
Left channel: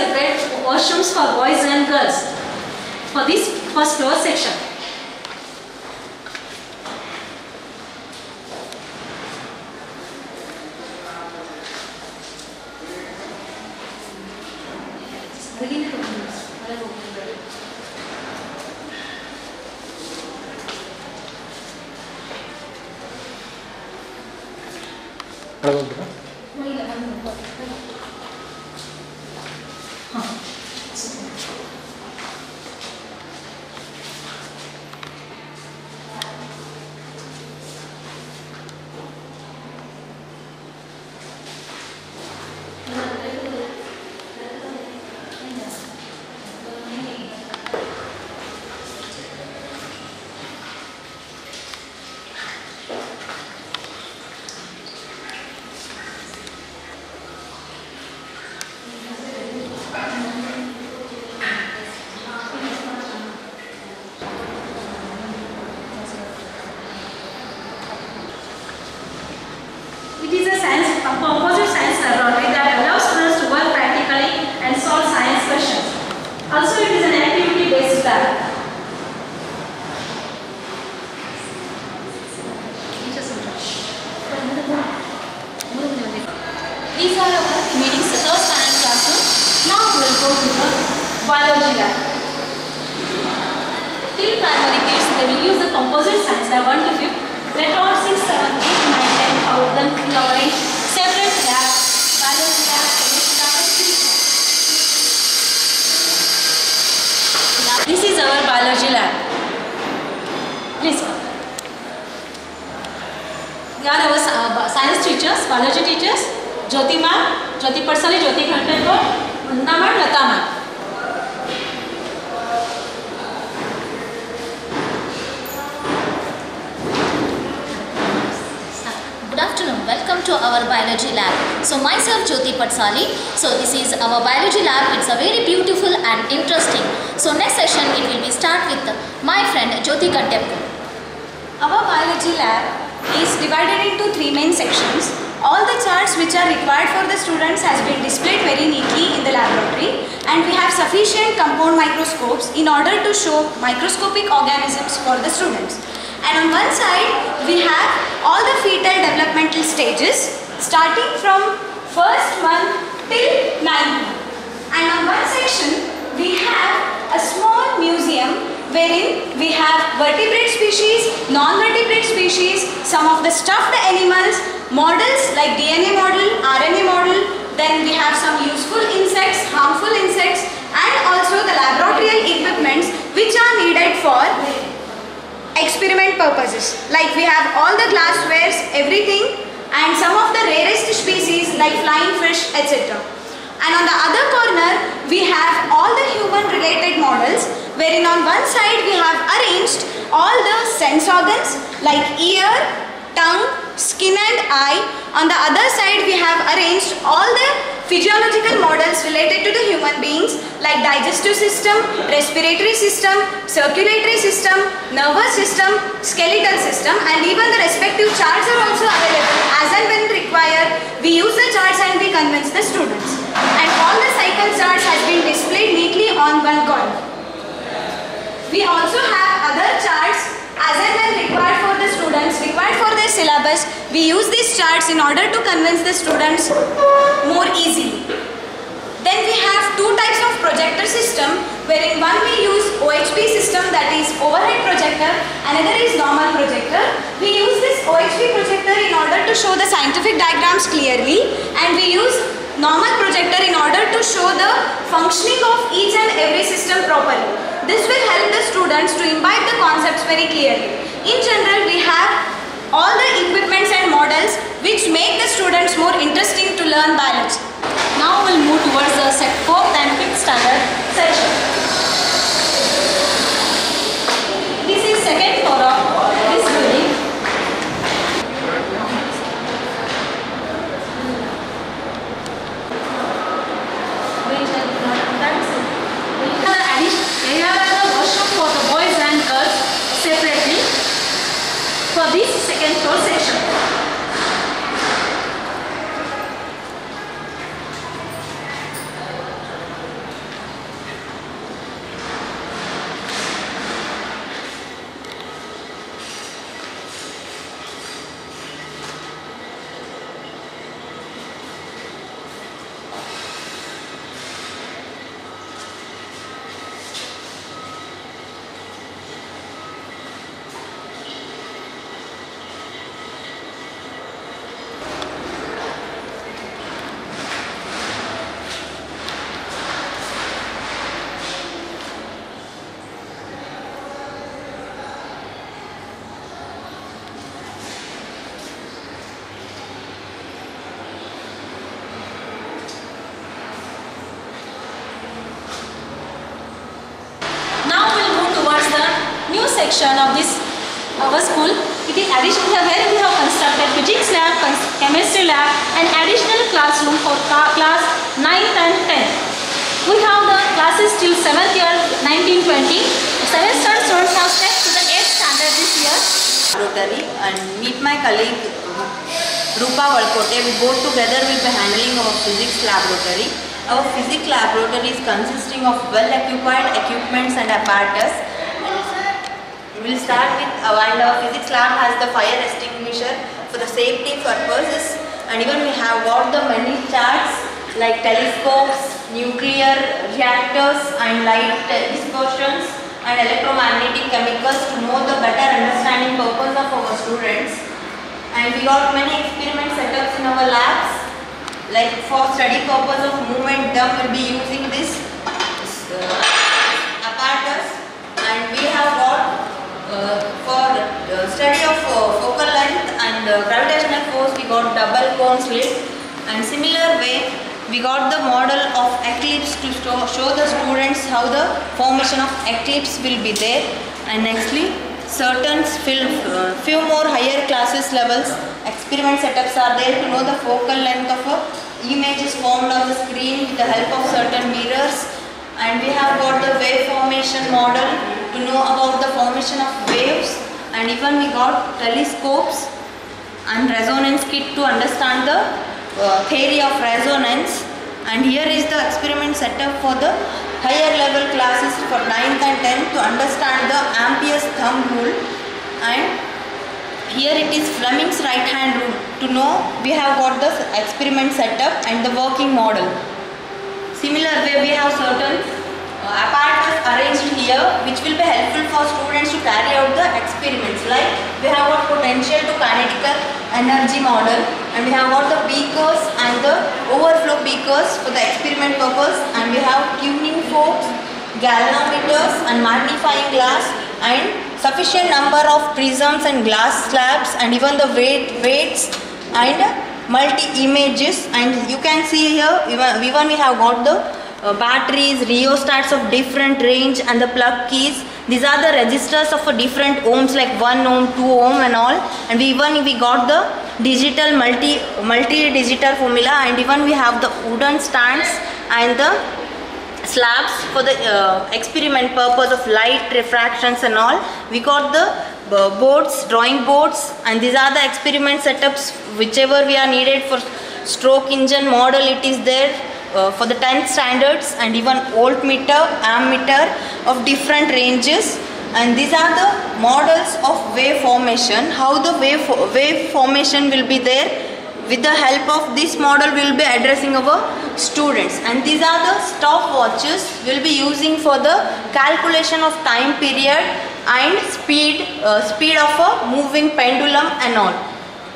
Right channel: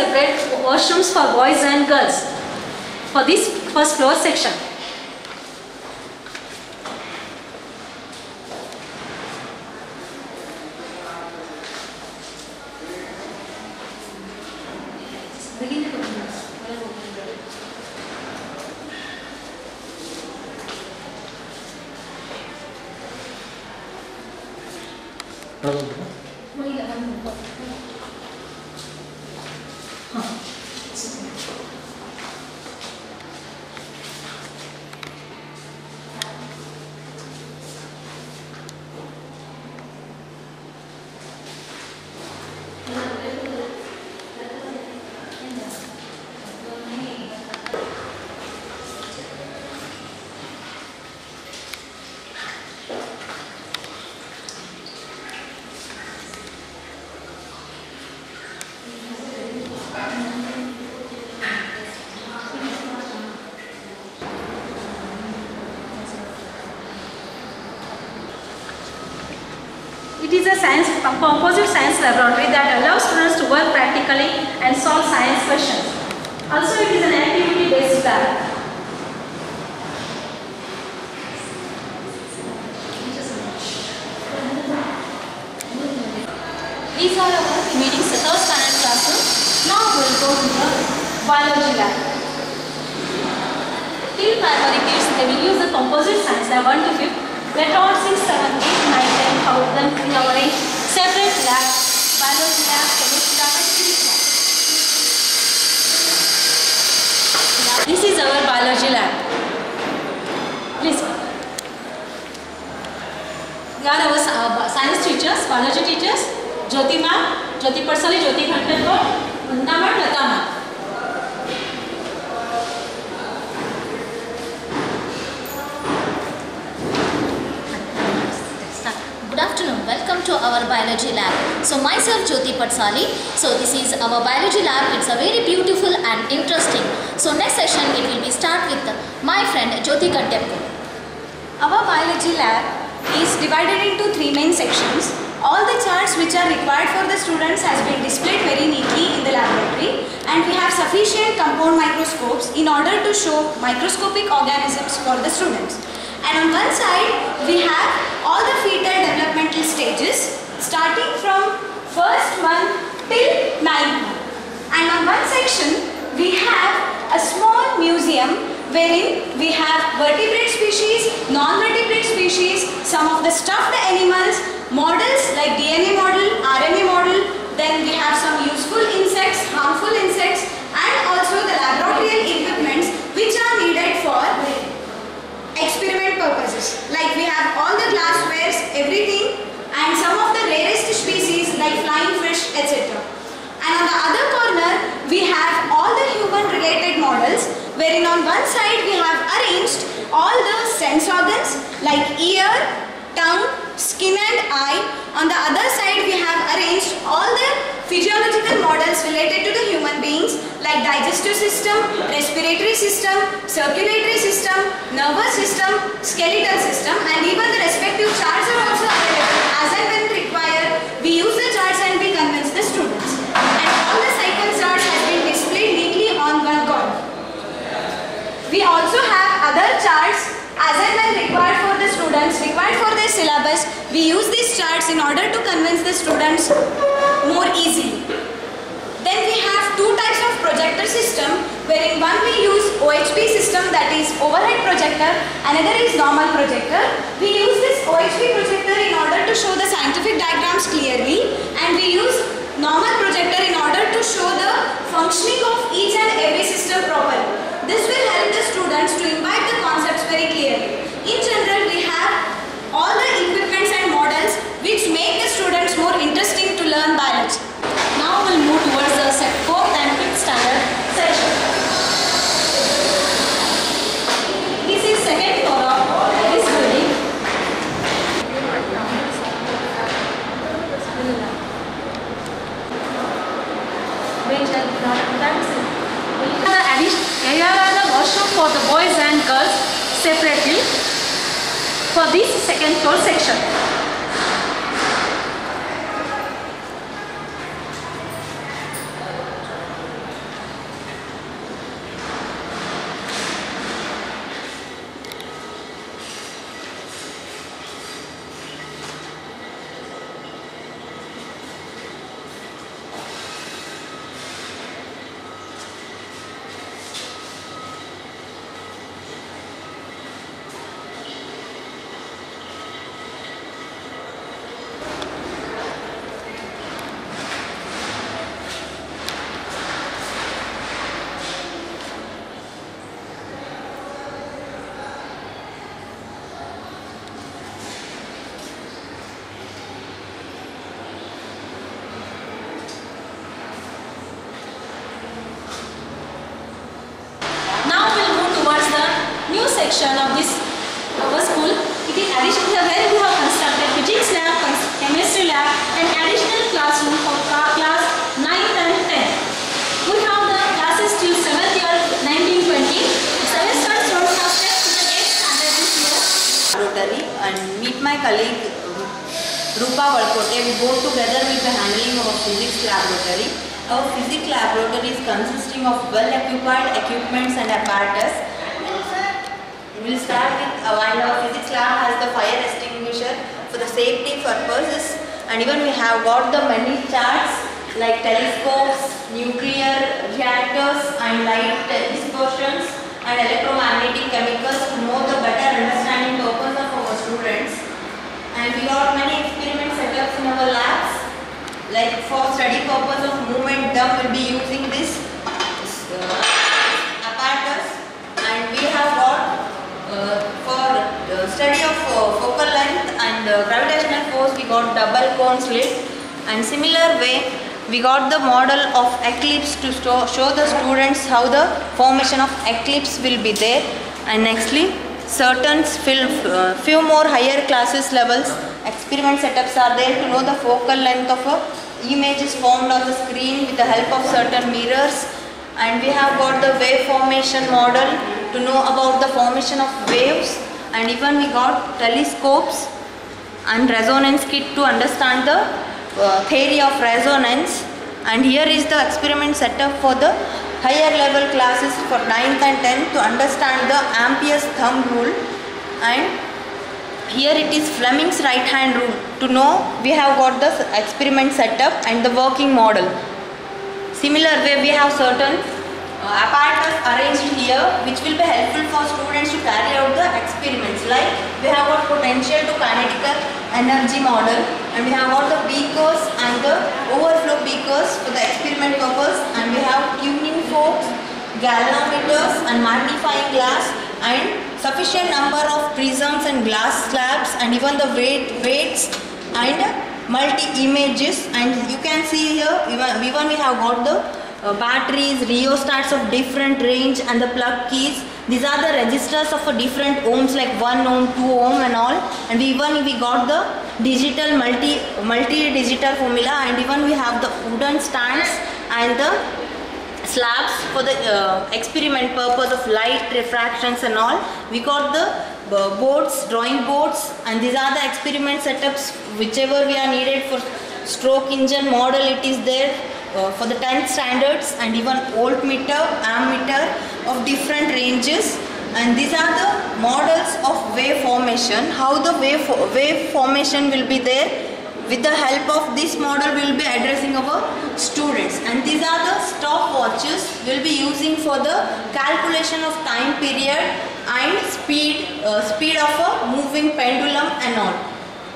Separate washrooms for boys and girls for this first floor section. It is a composite science laboratory that allows students to work practically and solve science questions. Also, it is an activity-based lab. These are our meetings, the third standard classroom. Now we will go to the biology lab. Till primary kids, they will use the composite science lab 1 to 5. Let all 6, 7, 8, 9, 10 how them in our separate lab, biology lab, chemistry lab and physics lab. This is our biology lab. Please come. We are our science teachers, biology teachers, Jyoti ma'am, Jyoti Patsali, Jyoti Khandelkar, Vandana ma'am, Lata ma'am. Good afternoon, welcome to our biology lab. So myself Jyoti Patsali. So this is our biology lab. It's a very beautiful and interesting. So next session it will be start with my friend Jyoti Khandelkar. Our biology lab is divided into 3 main sections. All the charts which are required for the students has been displayed very neatly in the laboratory, and we have sufficient compound microscopes in order to show microscopic organisms for the students. And on one side we have all the fetal developmental stages starting from first month till 9th month. And on one section we have a small museum wherein we have vertebrate species, non-vertebrate species, some of the stuffed animals, models like DNA model, RNA model, then we have some useful insects, harmful insects, and also the laboratory equipments which are needed for experiment purposes. Like we have all the glasswares, everything, and some of the rarest species like flying fish, etc. And on the other corner we have all the human related models, wherein on one side we have arranged all the sense organs like ear, tongue, skin and eye. On the other side we have arranged all the physiological models related to the human beings like digestive system, respiratory system, circulatory system, nervous system, skeletal system, and even the respective charts are also available. As and when required, we use the charts and we convince the students. And all the cycle charts has been displayed neatly on one corner. We also have other charts as and when required for the students, required for their syllabus. We use these charts in order to convince the students more easily. Then we have two types of projector system, wherein one we use OHP system, that is overhead projector, another is normal projector. We use this OHP projector in order to show the scientific diagrams clearly, and we use normal projector in order to show the functioning of each and every system properly. This will help the students to imbibe the concepts very clearly. In general, we have all the equipments and models which make the students more interesting to learn biology. Now we'll move towards the 4th and 5th standard section. This is second floor of this building. Here are the washroom for the boys and girls separately for this second floor section. Section of this our school. It is additional where we have constructed physics lab, chemistry lab, and additional classroom for class 9th and 10th. We have the classes till 7th year 1920. 7th standard students have stepped to the 8th standard this year. Rotary and meet my colleague Rupa Valkote. We both together will be handling our physics laboratory. Our physics laboratory is consisting of well-occupied equipments and apparatus. We will start with while our physics lab has the fire extinguisher for the safety purposes, and even we have got the many charts like telescopes, nuclear reactors and light dispersions and electromagnetic chemicals to know the better understanding purpose of our students. And we got many experiment setups in our labs, like for study purpose of movement dumb will be using this apparatus, and we have got for study of focal length and gravitational force we got double cone slit, and similar way we got the model of eclipse to show the students how the formation of eclipse will be there. And nextly certain few more higher classes levels experiment setups are there to know the focal length of a image is formed on the screen with the help of certain mirrors. And we have got the wave formation model to know about the formation of waves, and even we got telescopes and resonance kit to understand the theory of resonance. And here is the experiment setup for the higher level classes for 9th and 10th to understand the Ampere's thumb rule, and here it is Fleming's right hand rule to know we have got the experiment setup and the working model. Similar way we have certain apparatus arranged here which will be helpful for students to carry out the experiments, like we have got potential to kinetical energy model, and we have got the beakers and the overflow beakers for the experiment purpose, and we have tuning forks, galvanometers and magnifying glass, and sufficient number of prisms and glass slabs, and even the weights and multi-images. And you can see here even we have got the batteries, rheostats of different range and the plug keys. These are the registers of different ohms like 1 ohm, 2 ohm and all. And we got the digital multi-digital formula, and even we have the wooden stands and the slabs for the experiment purpose of light refractions and all. We got the boards, drawing boards, and these are the experiment setups whichever we are needed for stroke engine model. It is there for the 10th standards, and even voltmeter, ammeter of different ranges. And these are the models of wave formation, how the wave formation will be there with the help of this model we will be addressing our students. And these are the stopwatches we will be using for the calculation of time period and speed of a moving pendulum and all.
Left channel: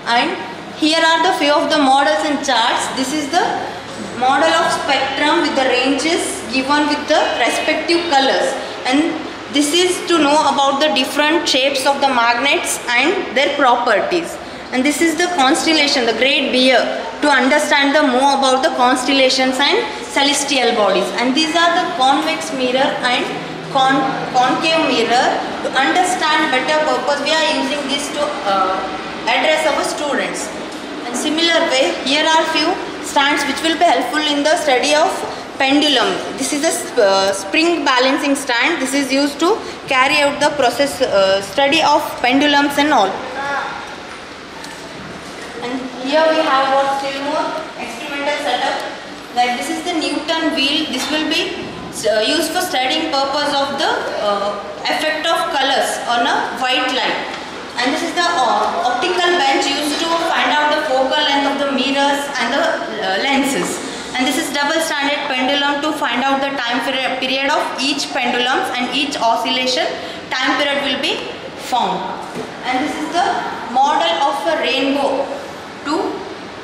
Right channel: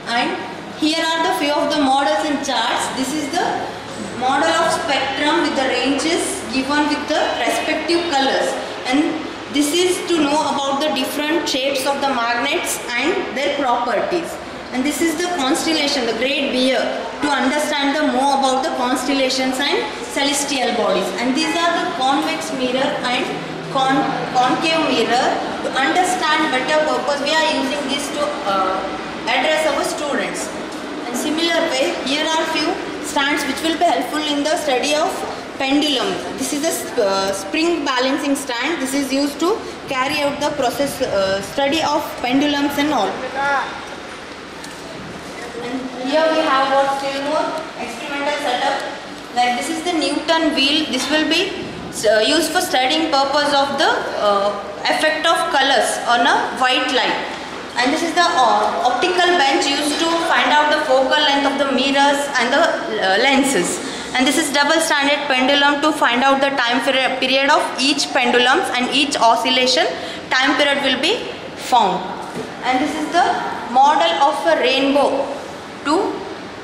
And here are the few of the models and charts. This is the model of spectrum with the ranges given with the respective colors, and this is to know about the different shapes of the magnets and their properties. And this is the constellation, the Great Bear, to understand the more about the constellations and celestial bodies. And these are the convex mirror and concave mirror. To understand better purpose, we are using this to address our students. And similar way, here are few stands which will be helpful in the study of pendulum. This is a spring balancing stand. This is used to carry out the process study of pendulums and all. And here we have what still more experimental setup. Like this is the Newton wheel. This will be used for studying purpose of the effect of colors on a white light. And this is the optical bench used to find out the focal length of the mirrors and the lenses. And this is double standard pendulum to find out the time period of each pendulum, and each oscillation time period will be found. And this is the model of a rainbow to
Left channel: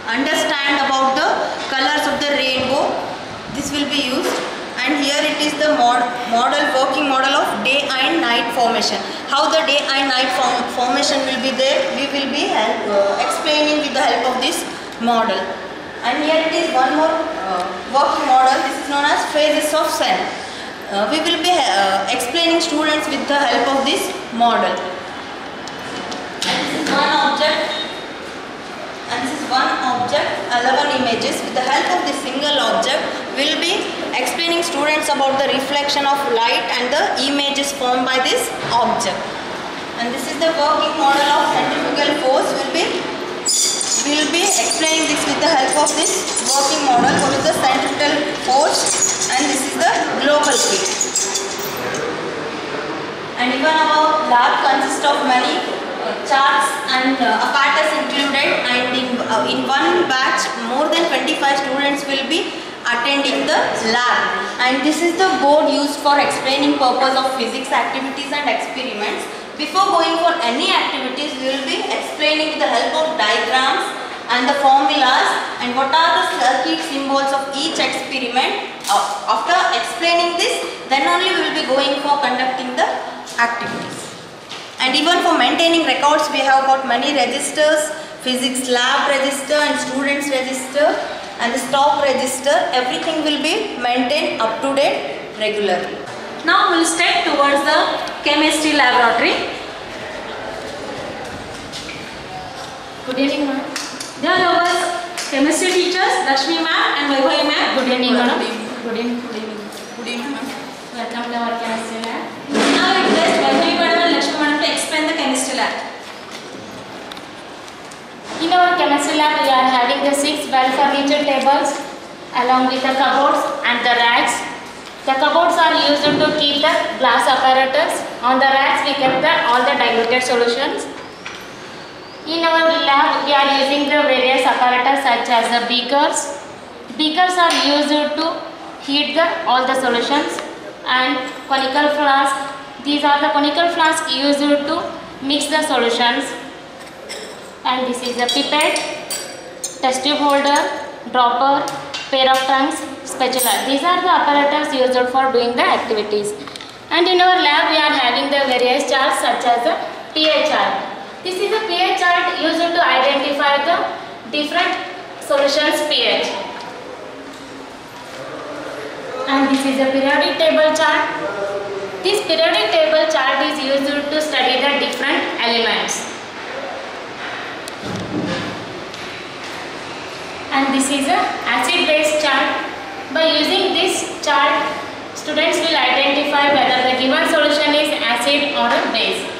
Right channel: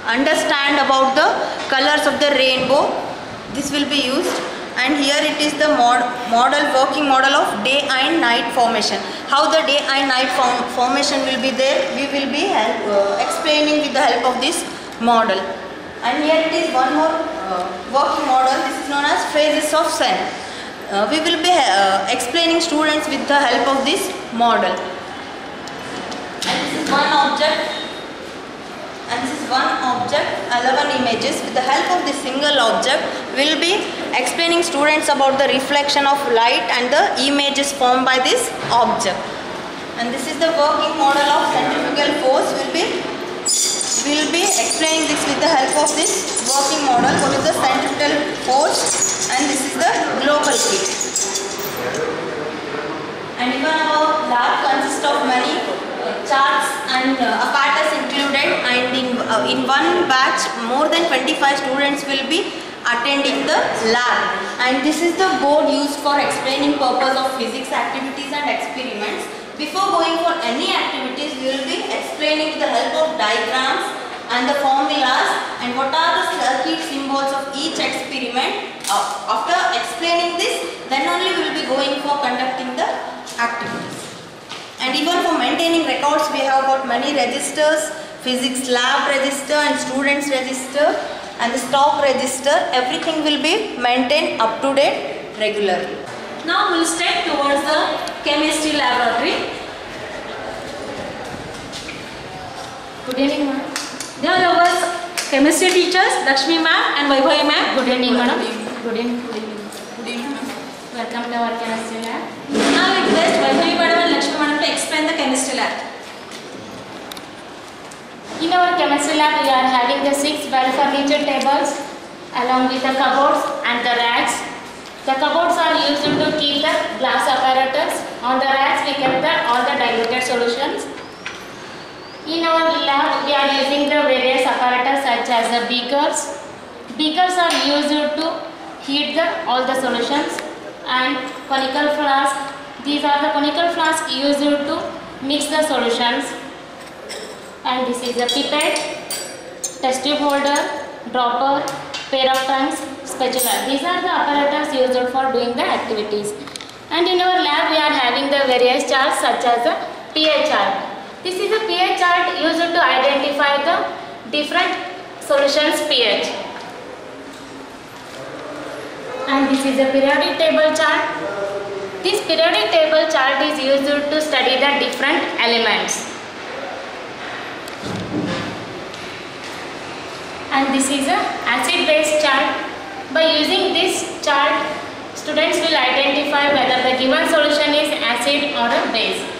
understand about the colors of the rainbow. This will be used. And here it is the working model of day and night formation. How the day and night formation will be there, we will be explaining with the help of this model. And here it is one more working model. This is known as phases of sun. We will be explaining students with the help of this model. And this is one object. And this is one object, 11 images. With the help of this single object, we will be explaining students about the reflection of light and the images formed by this object. And this is the working model of centrifugal force. We will be explaining this with the help of this working model. What is the centrifugal force? And this is the global heat. And even our lab consists of many charts and apparatus included, and in one batch more than 25 students will be attending the lab. And this is the board used for explaining purpose of physics activities and experiments. Before going for any activities, we will be explaining with the help of diagrams and the formulas and what are the circuit symbols of each experiment. After explaining this, then only we will be going for conducting the activities. And even for maintaining records, we have got many registers, physics lab register and students register and the stock register. Everything will be maintained up to date regularly. Now we will step towards the chemistry laboratory. Good evening, ma'am. They are our chemistry teachers, Lakshmi ma'am and Vaibhavi ma'am. Good evening, madam. Good evening. Good evening, ma'am. Welcome to our chemistry lab. Now I request Vaibhavi madam and Lakshmi madam to explain the chemistry lab. In our chemistry lab, we are having the 6 well-furnished tables along with the cupboards and the racks. The cupboards are used to keep the glass apparatus. On the racks, we kept all the diluted solutions. In our lab, we are using the various apparatus such as the beakers. Beakers are used to heat all the solutions, and conical flask. These are the conical flasks used to mix the solutions. And this is a pipette, test tube holder, dropper, pair of tongues, spatula. These are the apparatus used for doing the activities. And in our lab, we are having the various charts such as the pH chart. This is a pH chart used to identify the different solutions pH. And this is a periodic table chart. This periodic table chart is used to study the different elements. And this is a acid-base chart. By using this chart, students will identify whether the given solution is acid or a base.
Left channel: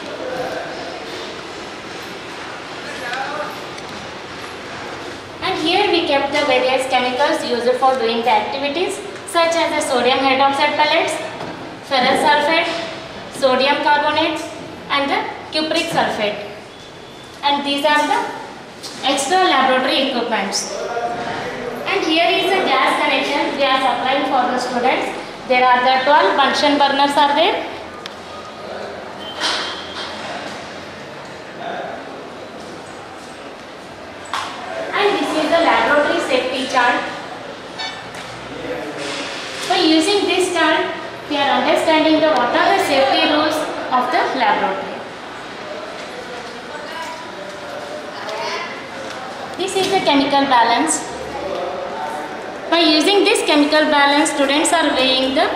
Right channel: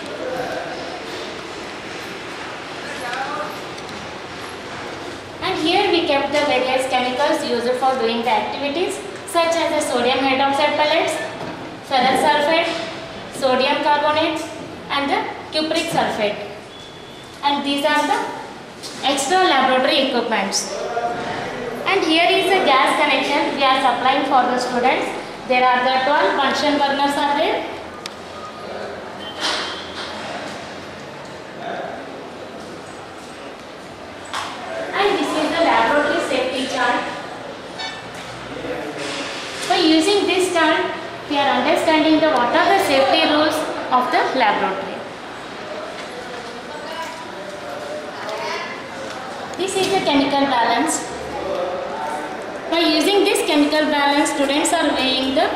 And here we kept the various chemicals used for doing the activities, such as the sodium hydroxide pellets, ferrous sulfate, sodium carbonate and the cupric sulfate. And these are the extra laboratory laboratory equipments. And here is a gas connection we are supplying for the students. There are the 12 Bunsen burners are there. And this is the laboratory safety chart. By using this chart, we are understanding what are the safety rules of the laboratory. This is the chemical balance. By using this chemical balance, students are weighing the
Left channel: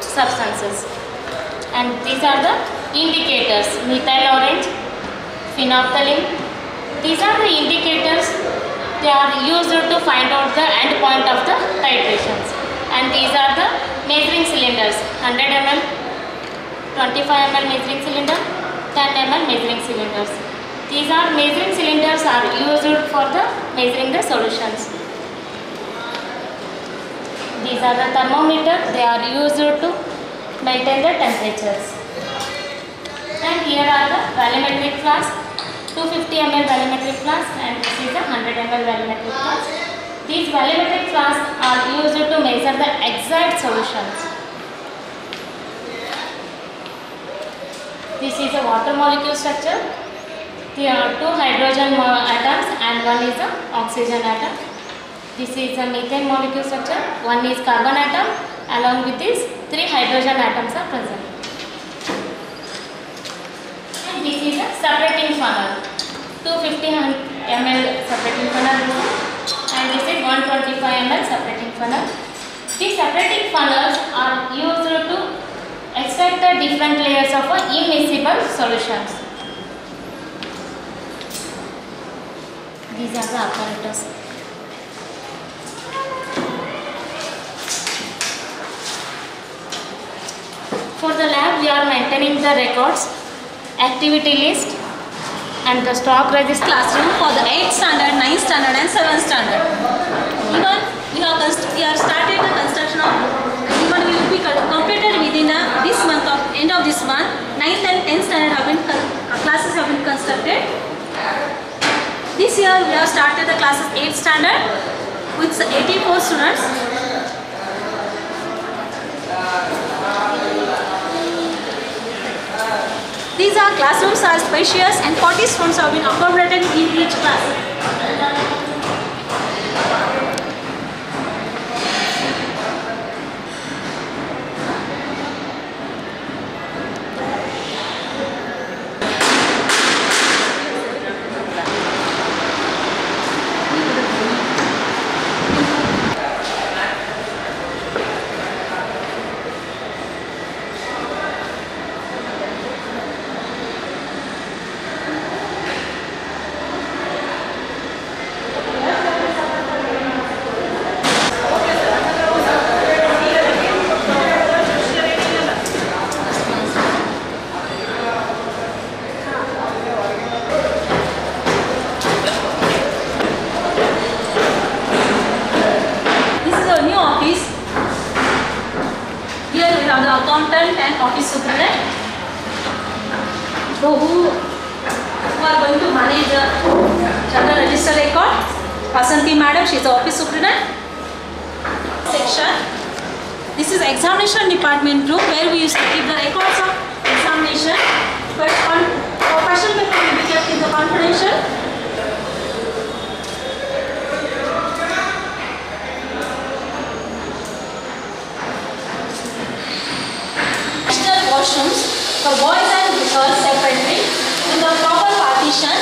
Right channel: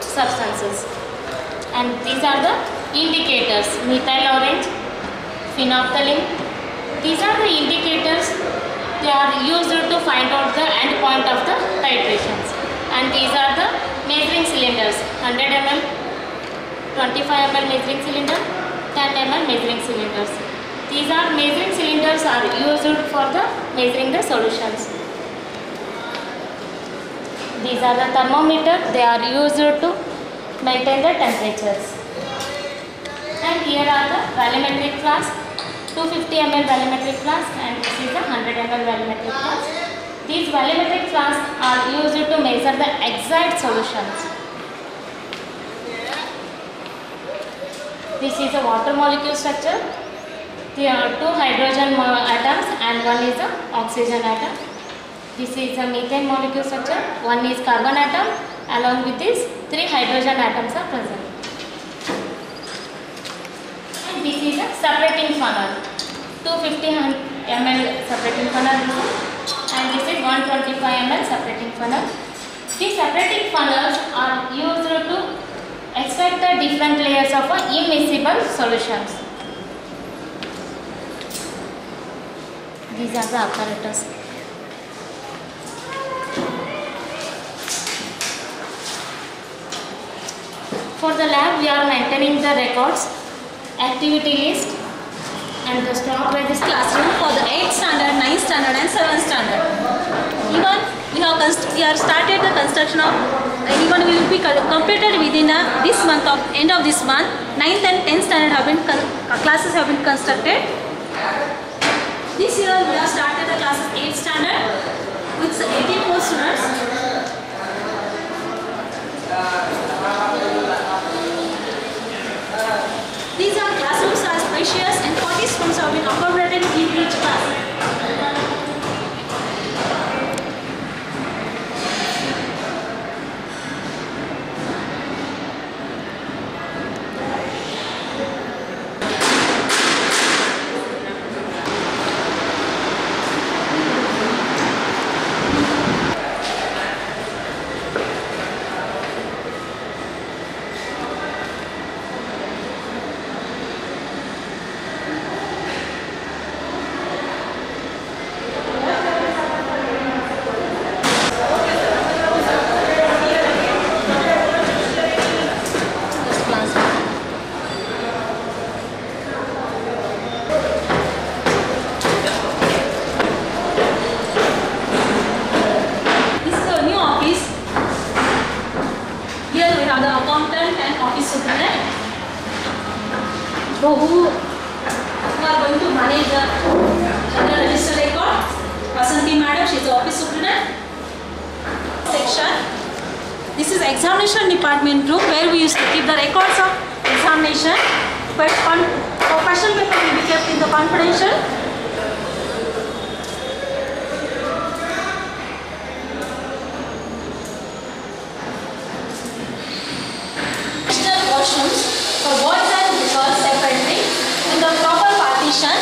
substances. And these are the indicators: methyl orange, phenolphthalein. These are the indicators. They are used to find out the end point of the titrations. And these are the measuring cylinders: 100 ml, 25 ml measuring cylinder, 10 ml measuring cylinders. These are measuring cylinders are used for the measuring the solutions. These are the thermometer. They are used to maintain the temperatures. And here are the volumetric flask, 250 ml volumetric flask, and this is a 100 ml volumetric flask. These volumetric flasks are used to measure the exact solutions. This is a water molecule structure. There are 2 hydrogen atoms and 1 is a oxygen atom. This is a methane molecule structure. 1 is carbon atom. Along with this, 3 hydrogen atoms are present. And this is a separating funnel. 250 ml separating funnel. And this is 125 ml separating funnel. These separating funnels are used to extract the different layers of immiscible solutions. These are the apparatus. For the lab, we are maintaining the records, activity list, and the stock register. Classroom for the 8th standard, 9th standard and 7th standard. Even we have started the construction of, even we will be completed within this month of end of this month. 9th and 10th standard have been classes have been constructed. This year we have started the classes 8th standard with 84 students. These are classrooms are spacious and 40 students have been accommodated in each class. So who are going to manage the general register record? Vasanti madam, she is the office superintendent. Section. This is examination department room where we used to keep the records of examination. But question paper will be kept in the confidential. Washrooms for boys and girls separately in the proper partition.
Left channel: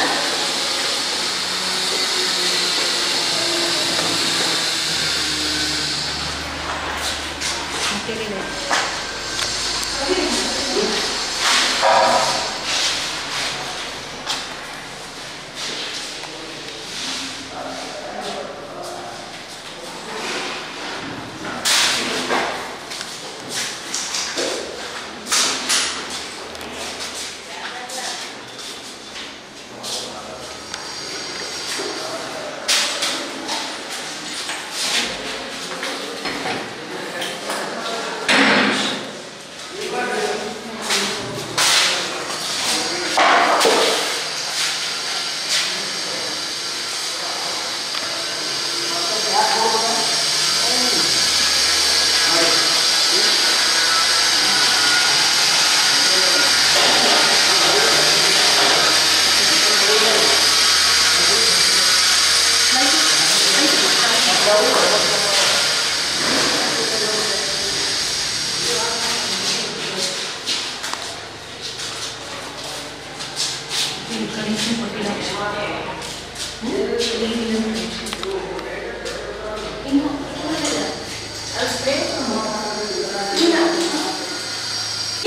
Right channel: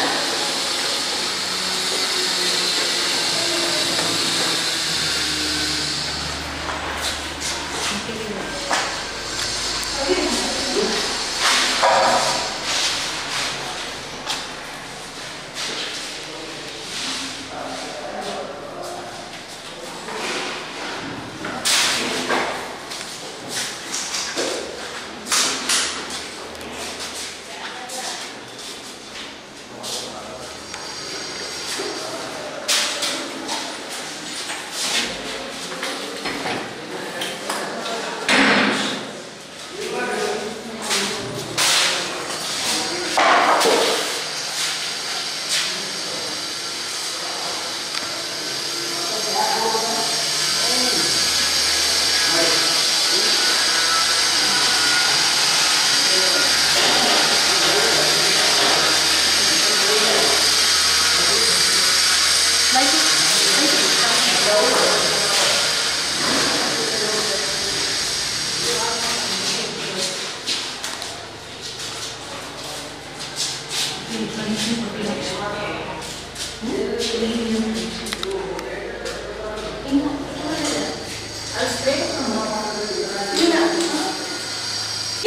We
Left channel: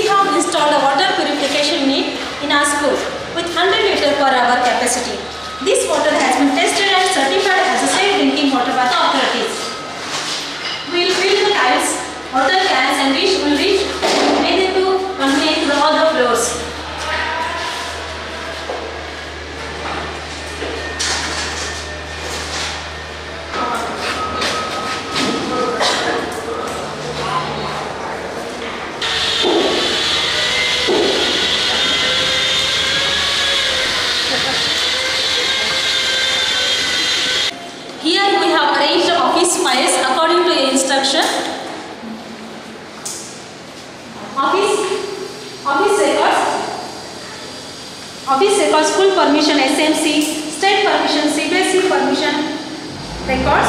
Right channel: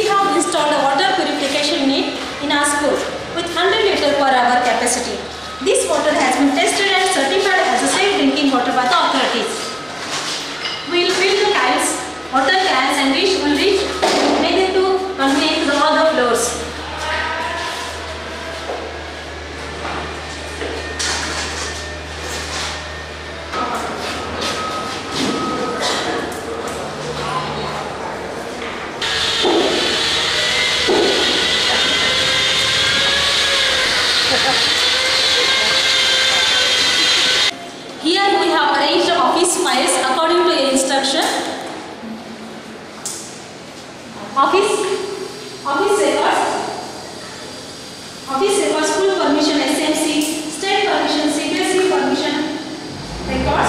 have installed a water purification unit in our school with 100 litre per hour capacity. This water has been tested and certified as a safe drinking water by the authorities. We will fill the tiles, water cans, and will make them to contain to all the floors. Here we have arranged office files according to your instruction. Office records, school permission, SMC, state permission, CBSE permission records.